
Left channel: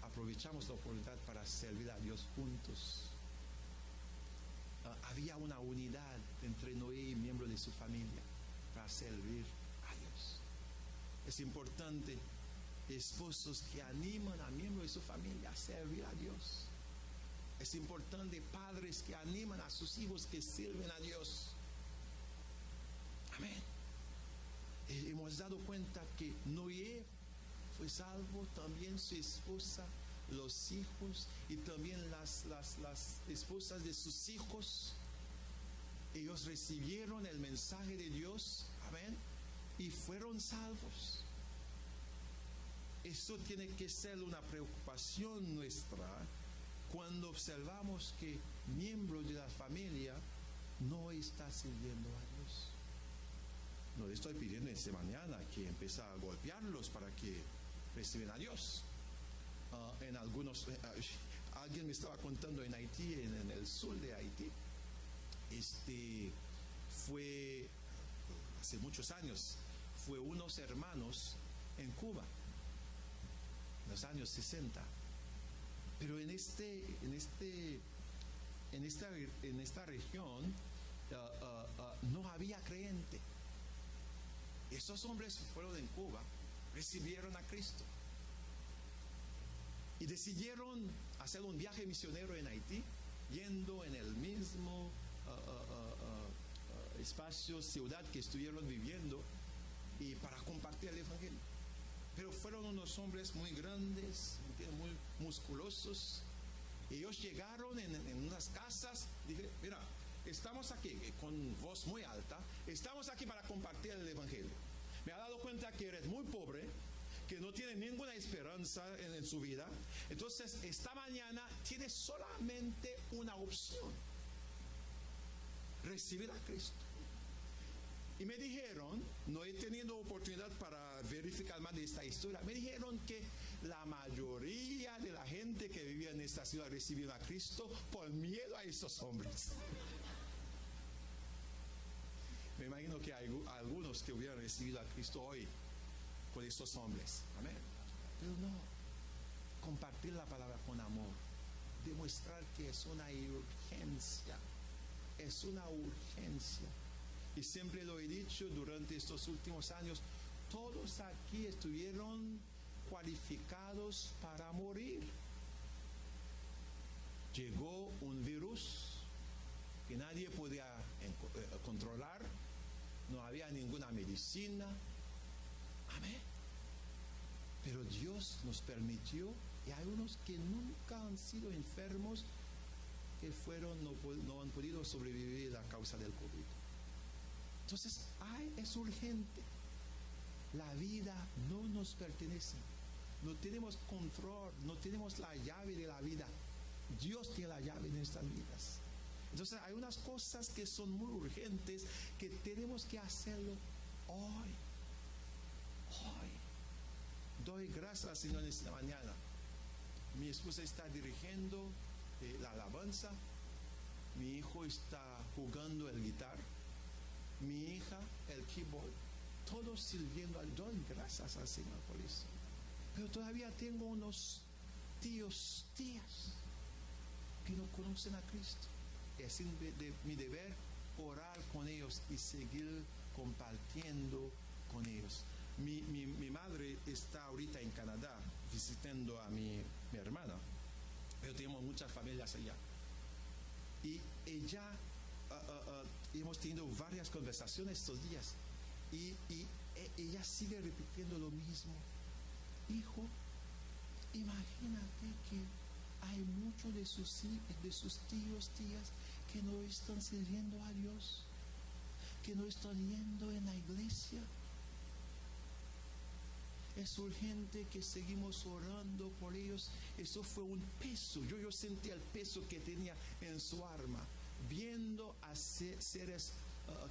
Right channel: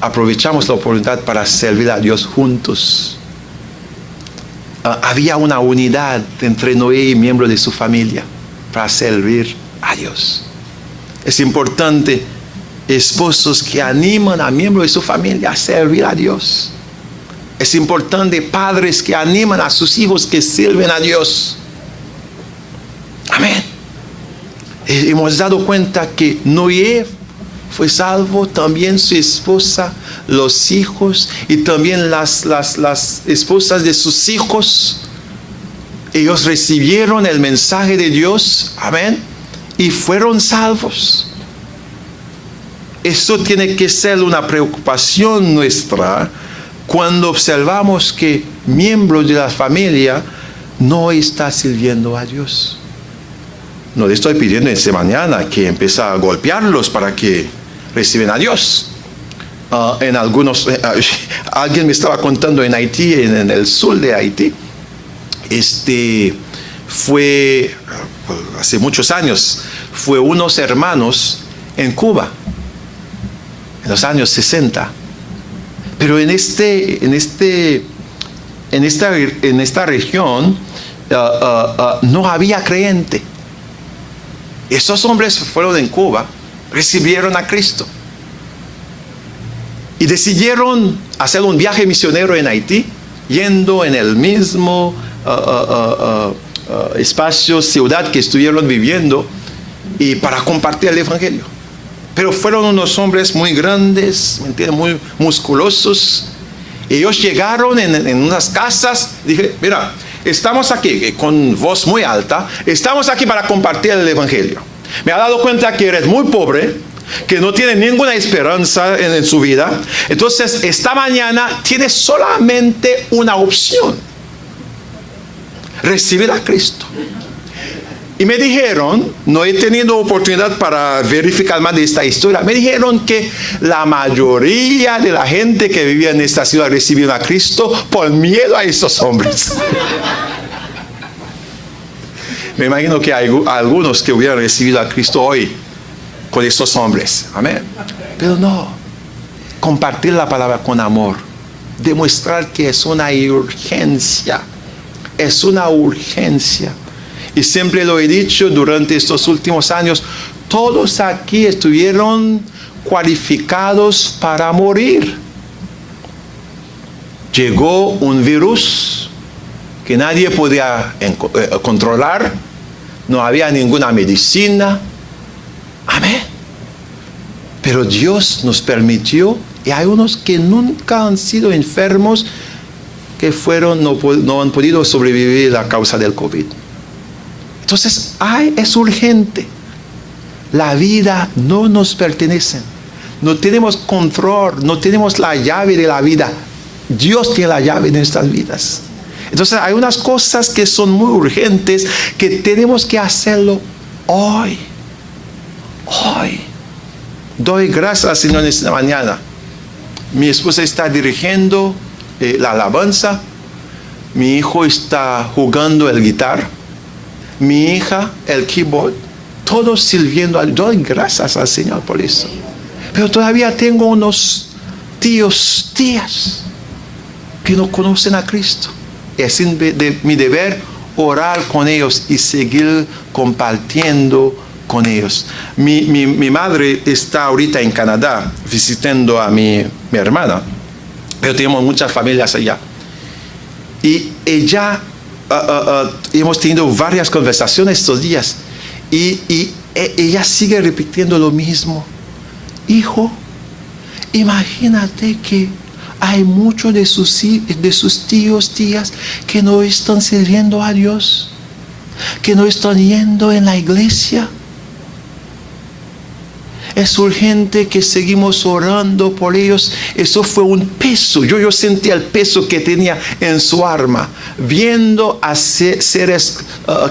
aprovechamos la oportunidad para servir a Dios juntos. Había una unidad entre Noé y miembros de su familia para servir a Dios. Es importante esposos que animan a miembros de su familia a servir a Dios. Es importante padres que animan a sus hijos que sirven a Dios. Amén. Hemos dado cuenta que Noé fue salvo, también su esposa, los hijos y también las esposas de sus hijos. Ellos recibieron el mensaje de Dios, amén, y fueron salvos. Eso tiene que ser una preocupación nuestra cuando observamos que miembros de la familia no está sirviendo a Dios. No le estoy pidiendo esta mañana que empiece a golpearlos para que reciben a Dios. Alguien me estaba contando en Haití, en el sur de Haití, fue hace muchos años, fue unos hermanos en Cuba, en los años 60. Pero en esta región no había creyente. Esos hombres fueron en Cuba, recibieron a Cristo y decidieron hacer un viaje misionero en Haití, yendo en el mismo espacio, ciudad que estuvieron viviendo, y para compartir el evangelio. Pero fueron unos hombres muy grandes, ¿me entienden? Muy musculosos. Ellos llegaron en unas casas. Dije, mira, estamos aquí, con voz muy alta, estamos aquí para compartir el evangelio. Me ha dado cuenta que eres muy pobre, que no tiene ninguna esperanza en su vida. Entonces, esta mañana tienes solamente una opción: recibir a Cristo. Y me dijeron, no he tenido oportunidad para verificar más de esta historia, me dijeron que la mayoría de la gente que vivía en esta ciudad recibió a Cristo por miedo a estos hombres. Me imagino que hay algunos que hubieran recibido a Cristo hoy con estos hombres. Amén. Pero no. Compartir la palabra con amor. Demostrar que es una urgencia. Es una urgencia. Y siempre lo he dicho durante estos últimos años, todos aquí estuvieron cualificados para morir. Llegó un virus que nadie podía controlar, no había ninguna medicina. Amén. Pero Dios nos permitió, y hay unos que nunca han sido enfermos, que no han podido sobrevivir a causa del COVID. Entonces, es urgente. La vida no nos pertenece. No tenemos control, no tenemos la llave de la vida. Dios tiene la llave de nuestras vidas. Entonces, hay unas cosas que son muy urgentes que tenemos que hacerlo hoy. Hoy. Doy gracias al Señor esta mañana. Mi esposa está dirigiendo la alabanza. Mi hijo está jugando el guitarra. Mi hija, el keyboard, todos sirviendo. Doy gracias al Señor por eso. Pero todavía tengo unos tías, que no conocen a Cristo. Es mi deber orar con ellos y seguir compartiendo con ellos. Mi madre está ahorita en Canadá visitando a mi hermana, pero tenemos muchas familias allá. Y ella, hemos tenido varias conversaciones estos días, y ella sigue repitiendo lo mismo. Hijo, imagínate que hay muchos de sus tíos, tías, que no están sirviendo a Dios, que no están yendo en la iglesia. Es urgente que seguimos orando por ellos. Eso fue un peso. Yo sentía el peso que tenía en su alma, viendo a seres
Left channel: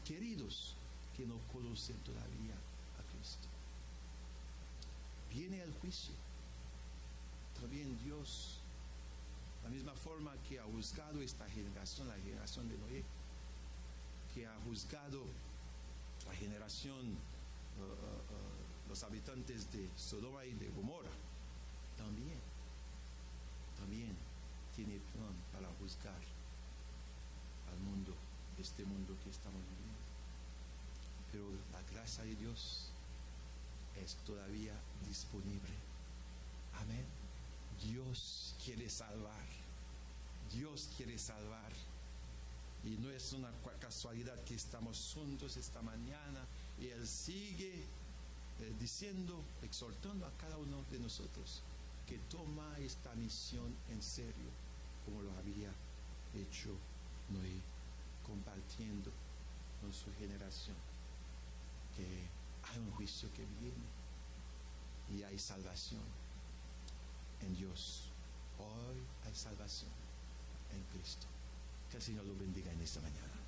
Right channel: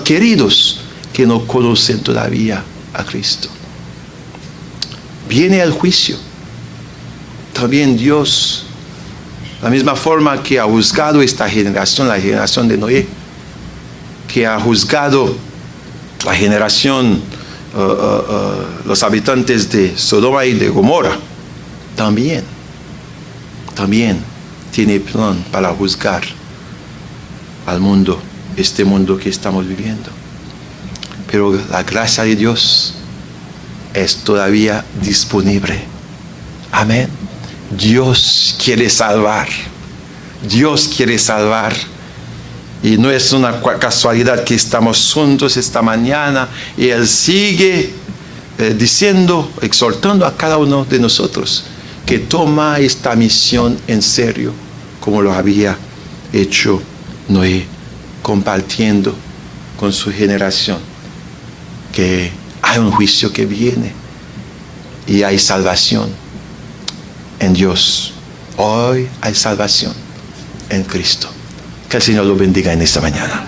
queridos que no conocen todavía a Cristo. Viene el juicio. También Dios, la misma forma que ha juzgado esta generación, la generación de Noé, que ha juzgado la generación, los habitantes de Sodoma y de Gomorra, también tiene plan para juzgar al mundo, este mundo que estamos viviendo. Pero la gracia de Dios es todavía disponible. Amén. Dios quiere salvar. Dios quiere salvar. Y no es una casualidad que estamos juntos esta mañana y Él sigue diciendo, exhortando a cada uno de nosotros que toma esta misión en serio, como lo había hecho Noé, compartiendo con su generación que hay un juicio que viene y hay salvación en Dios. Hoy hay salvación en Cristo. Que el Señor lo bendiga en esta mañana.